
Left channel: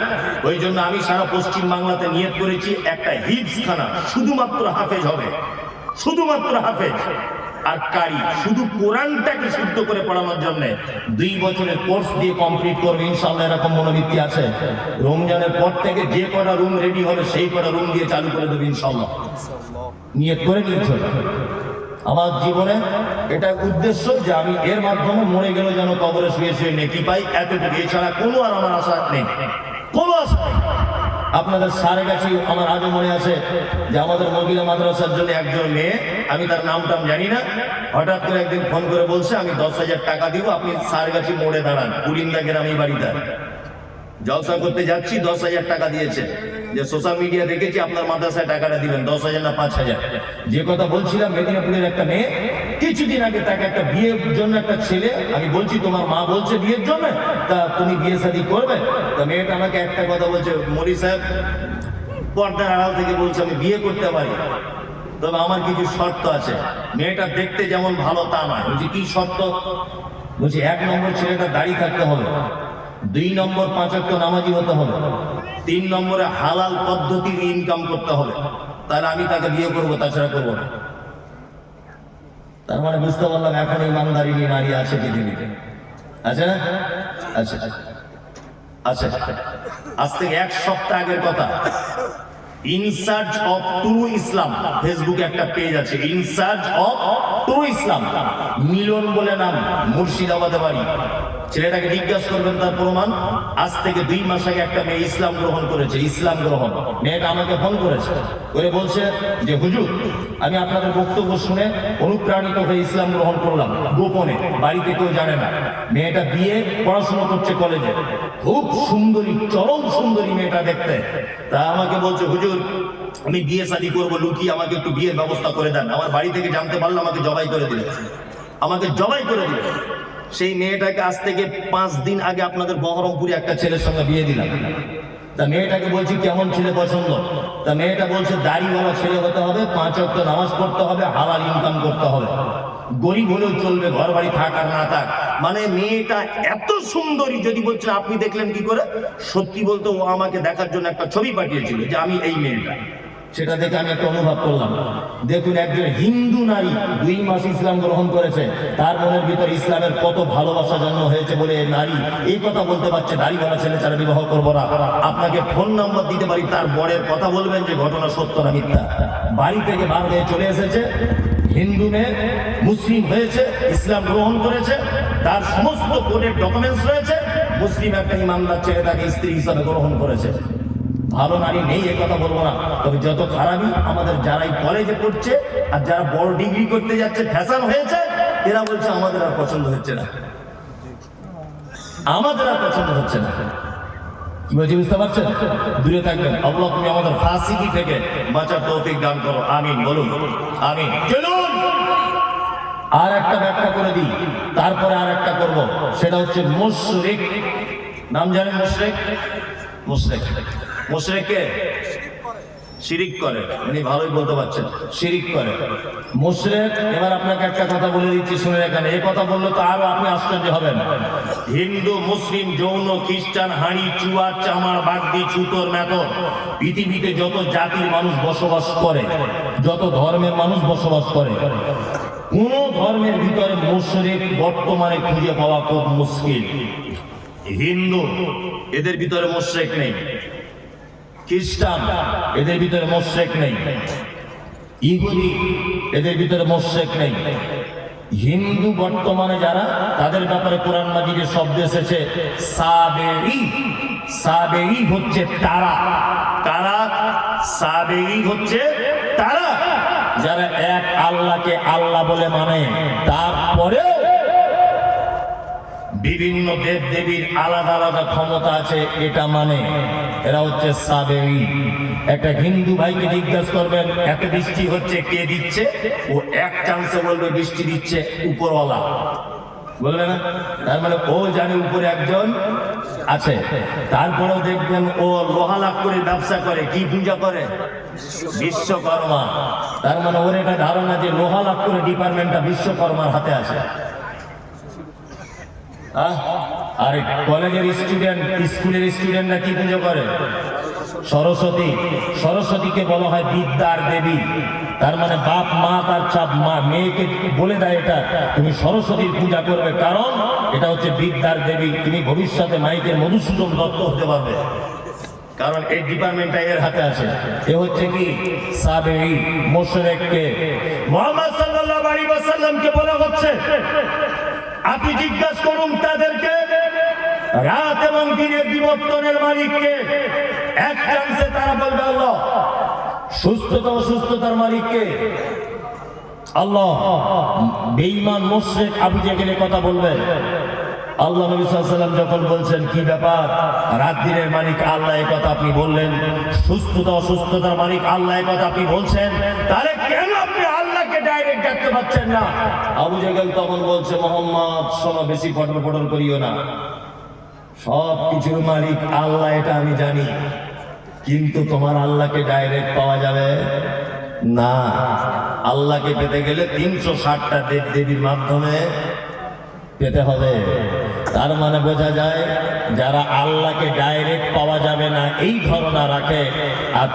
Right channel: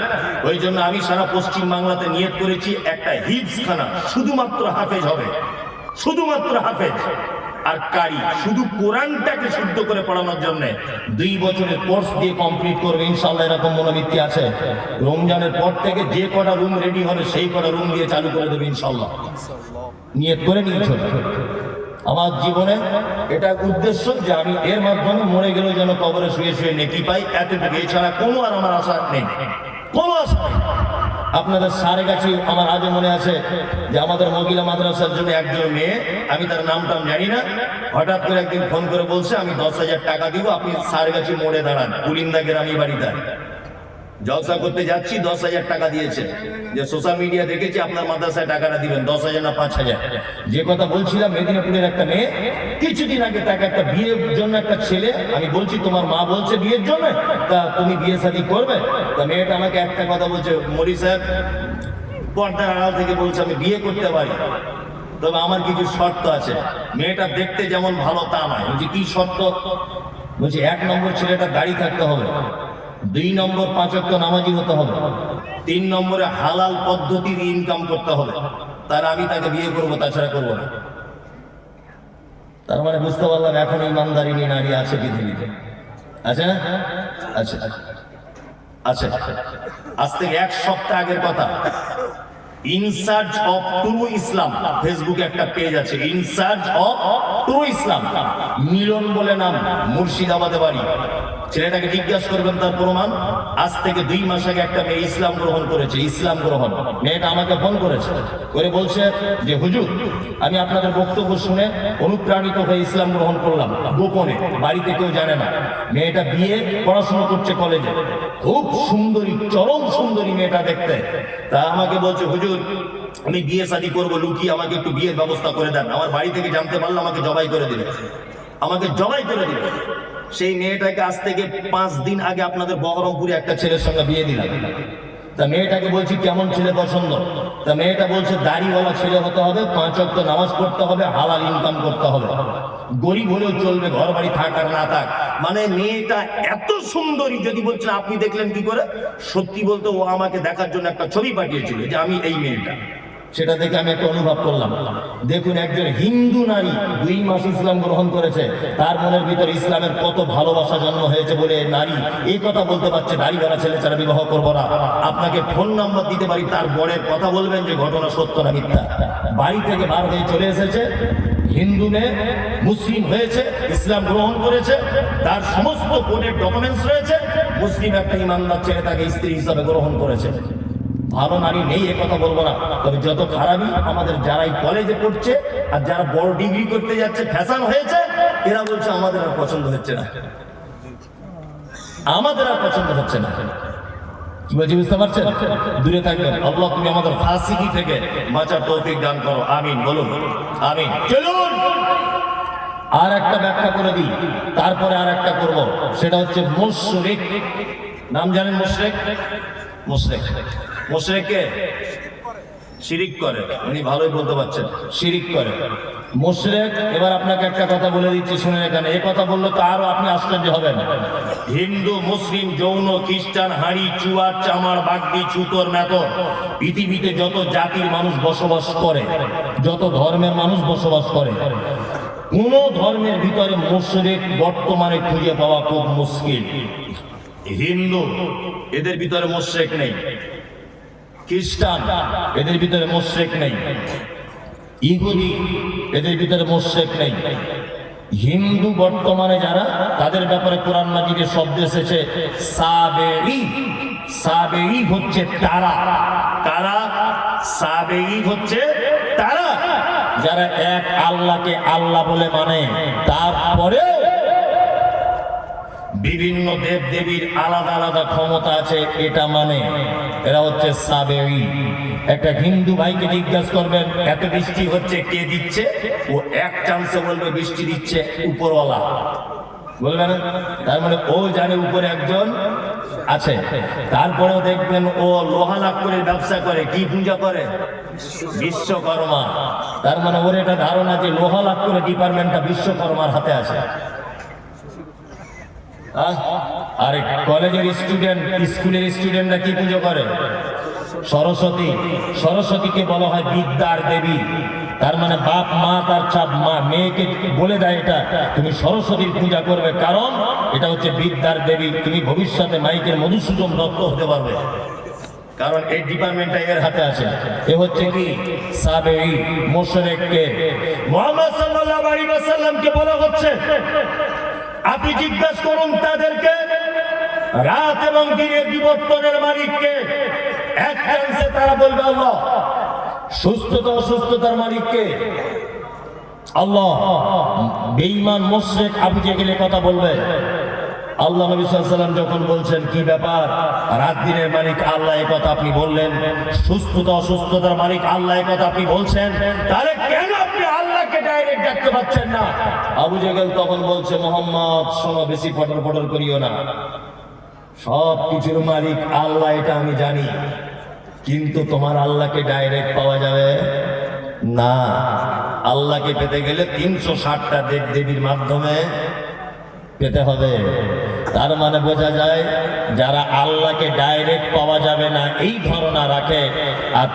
ওই জন্য আমি সারা পশ্চিম বাংলাতে নিয়ত করেছি একটা হিফজখানা শুধুমাত্র হাফেজ হবে, শুধুমাত্র হাফেজ আর কারি, শুধু কোরআনটাকে শুদ্ধ করে পড়ানোর জন্য 2 বছরের কোর্স দিয়ে কমপ্লিট করবে ইনশাআল্লাহ। এরকম মনোবৃত্তি আছে। রমজানের পর থেকে যে কটা রুম রেডি হবে সেই কটা রুম দিয়ে চালু করে দেবে ইনশাআল্লাহ। নিয়ত করে নিয়েছে। আমার জীবনে এটা উদ্দেশ্য যে আমি এর মাধ্যমে মরে গেলে যেন কবরে শুয়ে শুয়ে নেকি পাই, এতটুকু। এছাড়া কোনো আর আমার আশা নেই, কোনো আশা নেই। আপনাদের সারেগাছি আমার আজও মনে আছে যে আমাদের মহিলা মাদ্রাসার জন্য একজন মেয়ে, আমি তার নামটা জানি না, হঠাৎ করে একদিন ফোন করে বলছে আমি 10,000 টাকা দিব, আপনি সারেগাছি মোড়ে দাঁড়ান, পুলিন্দা গ্রামে বাড়িতে জলসা করতে যাচ্ছি। 10,000 টাকা দিয়েছে। যে সোশ্যাল মিডিয়া দেখেছি আপনার মাদ্রাসায় টাকাটা দিবেন 10,000 না 5,000। যে কথা বলছিলাম, মেদিনীপুরের একটা মেয়ে কিছুদিন আগে তাকে একটা বিয়ের জন্য একটা ছেলে, আমি বলছি তোমার মা বলছে বিয়ের জন্য, তা তুমি বিয়ে শাদী করবে? তা মেয়েটা আমাকে একটা কথা বলছে, মৌলী সাহেব পর্দার আড়াল থেকে বলছে আমি বিয়ে করতে পারি, তবে আমার কিছু শর্ত আছে। মেয়েটা দেখতে যেমন ভালো তা নয়। বলছি কি শর্ত? বলছি 1 নম্বর ছেলেটা দাড়ি থাকতে হবে, 2 নম্বর 5 ওয়াক্ত নামাজি হতে হবে, 3 নম্বরে হালাল পদ্ধতির ইনকাম করতে হবে, তাহলে আমি তাকে বিয়ে করবো, তাছাড়া করবো না। তার মানে বুঝতে পারলাম এখন ইমানদারিনী নারী আছে পৃথিবীতে, আছে না? আচ্ছা আচ্ছা, আজ থেকে 1 সপ্তাহ আগের কথা, ইন সার্চ অফ ট্রু ইসলাম, ফেসবুকে একটা পেজ আছে, ইন সার্চ অফ ট্রু ইসলাম, মিলন বলে নাম, মুর্শিদাবাদে বাড়ি। ছেলেটাকে জিজ্ঞাসা করবেন তার প্রমাণ। আজ থেকে 2 মাস আগে একটা মেয়ে ইসলাম গ্রহণ করেছে, ইসলাম গ্রহণ। মেয়েটা আমাকে ফোন করেছে, করে বলছে যে হুজুর আমি আপনাদের বক্তব্য শুনে অনুপ্রাণিত হয়ে ইসলাম গ্রহণ করলাম, গোপনে, বাড়িতে কেউ জানে না। মেয়েটা বিয়ে পড়াশোনা করছে কলেজে, খুব সুন্দরী, চরম সুন্দরী মেয়েটা দেখতে। তা আমাকে বলছে হুজুর আমি বিয়ে শাদী করবো লুকিয়ে, আমাকে একটু বিয়ের ব্যবস্থা করে দেন, আমার বাড়ি থেকে জানতে পারলে আমাকে জবাই করে দিবে, আমাকে জবাই করে দিবে। সেই মেয়েটাকে আজ থেকে 5 দিন আগে আপনাদের বহরমপুরে একটা ছেলের সঙ্গে বিয়ে দিলাম। তা মেয়েটাকে বলছি কেমন ছেলে পছন্দ? তা মেয়েটা বলছে দাড়িওয়ালা ছেলে হতে হবে, 5 ওয়াক্ত নামাজ পড়তে হবে, হালাল ইনকাম করতে হবে, গরিব হলেও চলবে, ঘর বাড়ি থাক আর না থাক। মানে মেয়েটা এত সুন্দরী, যদি বলছেন আপনি দেখলেন কি করে? সত্যি বলতে ও আমাকে দেখার জন্য একটা ছবি পাঠিয়েছিল যে আমি এই মেয়েটা, সেটা দেখে আমি একটা অনুভব করলাম। দেখুন একজন হিন্দু নারী 2 মাস ইসলাম গ্রহণ করেছে, তার মনের ভিতরে ইসলামের কত ভালোবাসা জন্ম হয়েছে বলে এই নারী এই কথা বলতে পারছে দাড়িওয়ালা ছেলে ছাড়া বিবাহ করবো না। আপনাকে ফোন নাম্বার দিতে পারি, তার বরের কথা বলবেন যে ঘটনা সত্য না মিথ্যা। বাড়ি থেকে বার হয়ে চলে এসেছে, হিন্দু মেয়ে মুসলিম হয়েছে, ইসলাম গ্রহণ করেছে, তার সমস্ত কোর্টের ডকুমেন্টস রয়েছে, মুসলিম একটা ইমানদার ছেলে তাকে স্ত্রী হিসাবে গ্রহণ করেছে। ভালো নারী নেই এ কথা বলবো না, তবে যত খারাপই আমাদের যারাই কলেজে পড়ছে আর যারা বড় ডিগ্রি করতে যাচ্ছে, ফ্যাশন হয়েছে, এরা বলছে আমাদের আর পছন্দ হচ্ছে না, আমাদের আর পছন্দ হচ্ছে না। কি বলছি বুঝতে পারছেন? দূরে থাকবেন। আল্লাহ তুমি আমাদের ফাসিকি থেকে বাঁচার তৌফিক দান করো, আমিন বলুন, আমিন। চলুন আর একটা ব্যাখ্যা করে দিই, তারপরে আর একটা করব, সেটা হচ্ছে মুশরিক। নাম জানেন মুশরিক? মুশরিক, মুশরিককে শিরিক করে, উনি ভালোই বলতে পারছেন, শিরিক করে মুশরিক। এবার আপনাকে একটা কথা বলে দিচ্ছি, শুনে এখানে, এই কথা বললে তো আরো আপনি আশ্চর্য হবেন। হিন্দু, মুসলিম, জৈন, খ্রিস্টান, হাঁড়ি, চুয়ার, চামার, বাগদি, ছুতোর, মেথর, পৃথিবীতে যত জাতির মানুষ বসবাস করে, যত ধর্মের মানুষ বসবাস করে, কোন ধর্মের ভিতরে মুশরিক বর্তমানে খুঁজে পাওয়া খুব মুশকিল। হিন্দু, এদের ভিতরে মুশরিক নেই। খ্রিস্টান, এদের ভিতরে মুশরিক নেই। ইহুদি, এদের ভিতরে মুশরিক নেই। হিন্দু বর্তমানে যারা, তাদের ব্যাপারে কোরআন মাজিদে শব্দ এসেছে সাবেঈ। সাবেঈ হচ্ছে তারা, কারা? সাবেঈ হচ্ছে তারা যারা এক আল্লাহকে আল্লাহ বলে মানে, তারপরেও বিভিন্ন দেব দেবীর আলাদা আলাদা ক্ষমতা আছে এটা মানে, এরা হচ্ছে সাবেঈ। একটা হিন্দু ভাইকে জিজ্ঞাসা করবেন এত বৃষ্টি হচ্ছে কে দিচ্ছে, ও এক চান্সে বলবে বৃষ্টি দিচ্ছে উপরওয়ালা, বলবে না? তার মানে ও জানে উপরে একজন আছে। তারপরেও দেখবেন ও লোহা লাকড়ির ব্যবসা করে, কি পূজা করে? বিশ্বকর্মা। তার মানে ওর একটা ধারণা যে লোহা লাকড়ির ডিপার্টমেন্টটা বিশ্বকর্মার হাতে আছে। আর কলেজের স্টুডেন্ট, স্কুলের স্টুডেন্টরা কি পুজো করে? সরস্বতী। সরস্বতীকে বলা হয় বিদ্যার দেবী। তার মানে বাপ মা তার মেয়েকে বলে দেয় এটা তুমি সরস্বতীর পূজা করবে, কারণ এটা হচ্ছে বিদ্যার দেবী, তুমি ভবিষ্যতে মাইকের মধুসূদন দত্ত হতে পারবে, কারণ এই ডিপার্টমেন্টটা এর হাতে আছে। এ হচ্ছে কি? সাবেঈ। মুশরিককে মুহাম্মদ সাল্লাল্লাহু আলাইহি ওয়াসাল্লামকে বলা হচ্ছে আপনি জিজ্ঞাসা করুন তাদেরকে রাত এবং দিনের বিবর্তনের মালিককে। এক চান্সে তারা বলবে আল্লাহ। সুস্থতা অসুস্থতার মালিককে আল্লাহ। বেঈমান মুশরিক আবু জেহেল কথা বলবে। আল্লাহ নবী সাল্লাল্লাহু আলাইহি ওয়াসাল্লাম যখন বলছেন কি ব্যাপার, রাত দিনের মালিক আল্লাহ, এই কথা আপনি বললেন, সুস্থতা অসুস্থতার মালিক আল্লাহ, এই কথা আপনি বলছেন, তাহলে কেন আপনি আল্লাহকে ডাইরেক্ট ডাকতে পারছেন না? আবু জেহেল তখন বলছে, মোহাম্মদ শোনো, বেশি ফটর ফটর করিও না, সব কিছুর মালিক আল্লাহ এটা আমি জানি, কিন্তু তোমার আল্লাহকে ডাইরেক্ট পাওয়া যাবে না। আল্লাহকে পেতে গেলে 360টা দেব দেবীর মাধ্যমে পেতে হবে। তার মানে বোঝা যায় যারা আল্লাহকে ডাইরেক্ট পাওয়া যাবে না এই ধারণা রাখে আর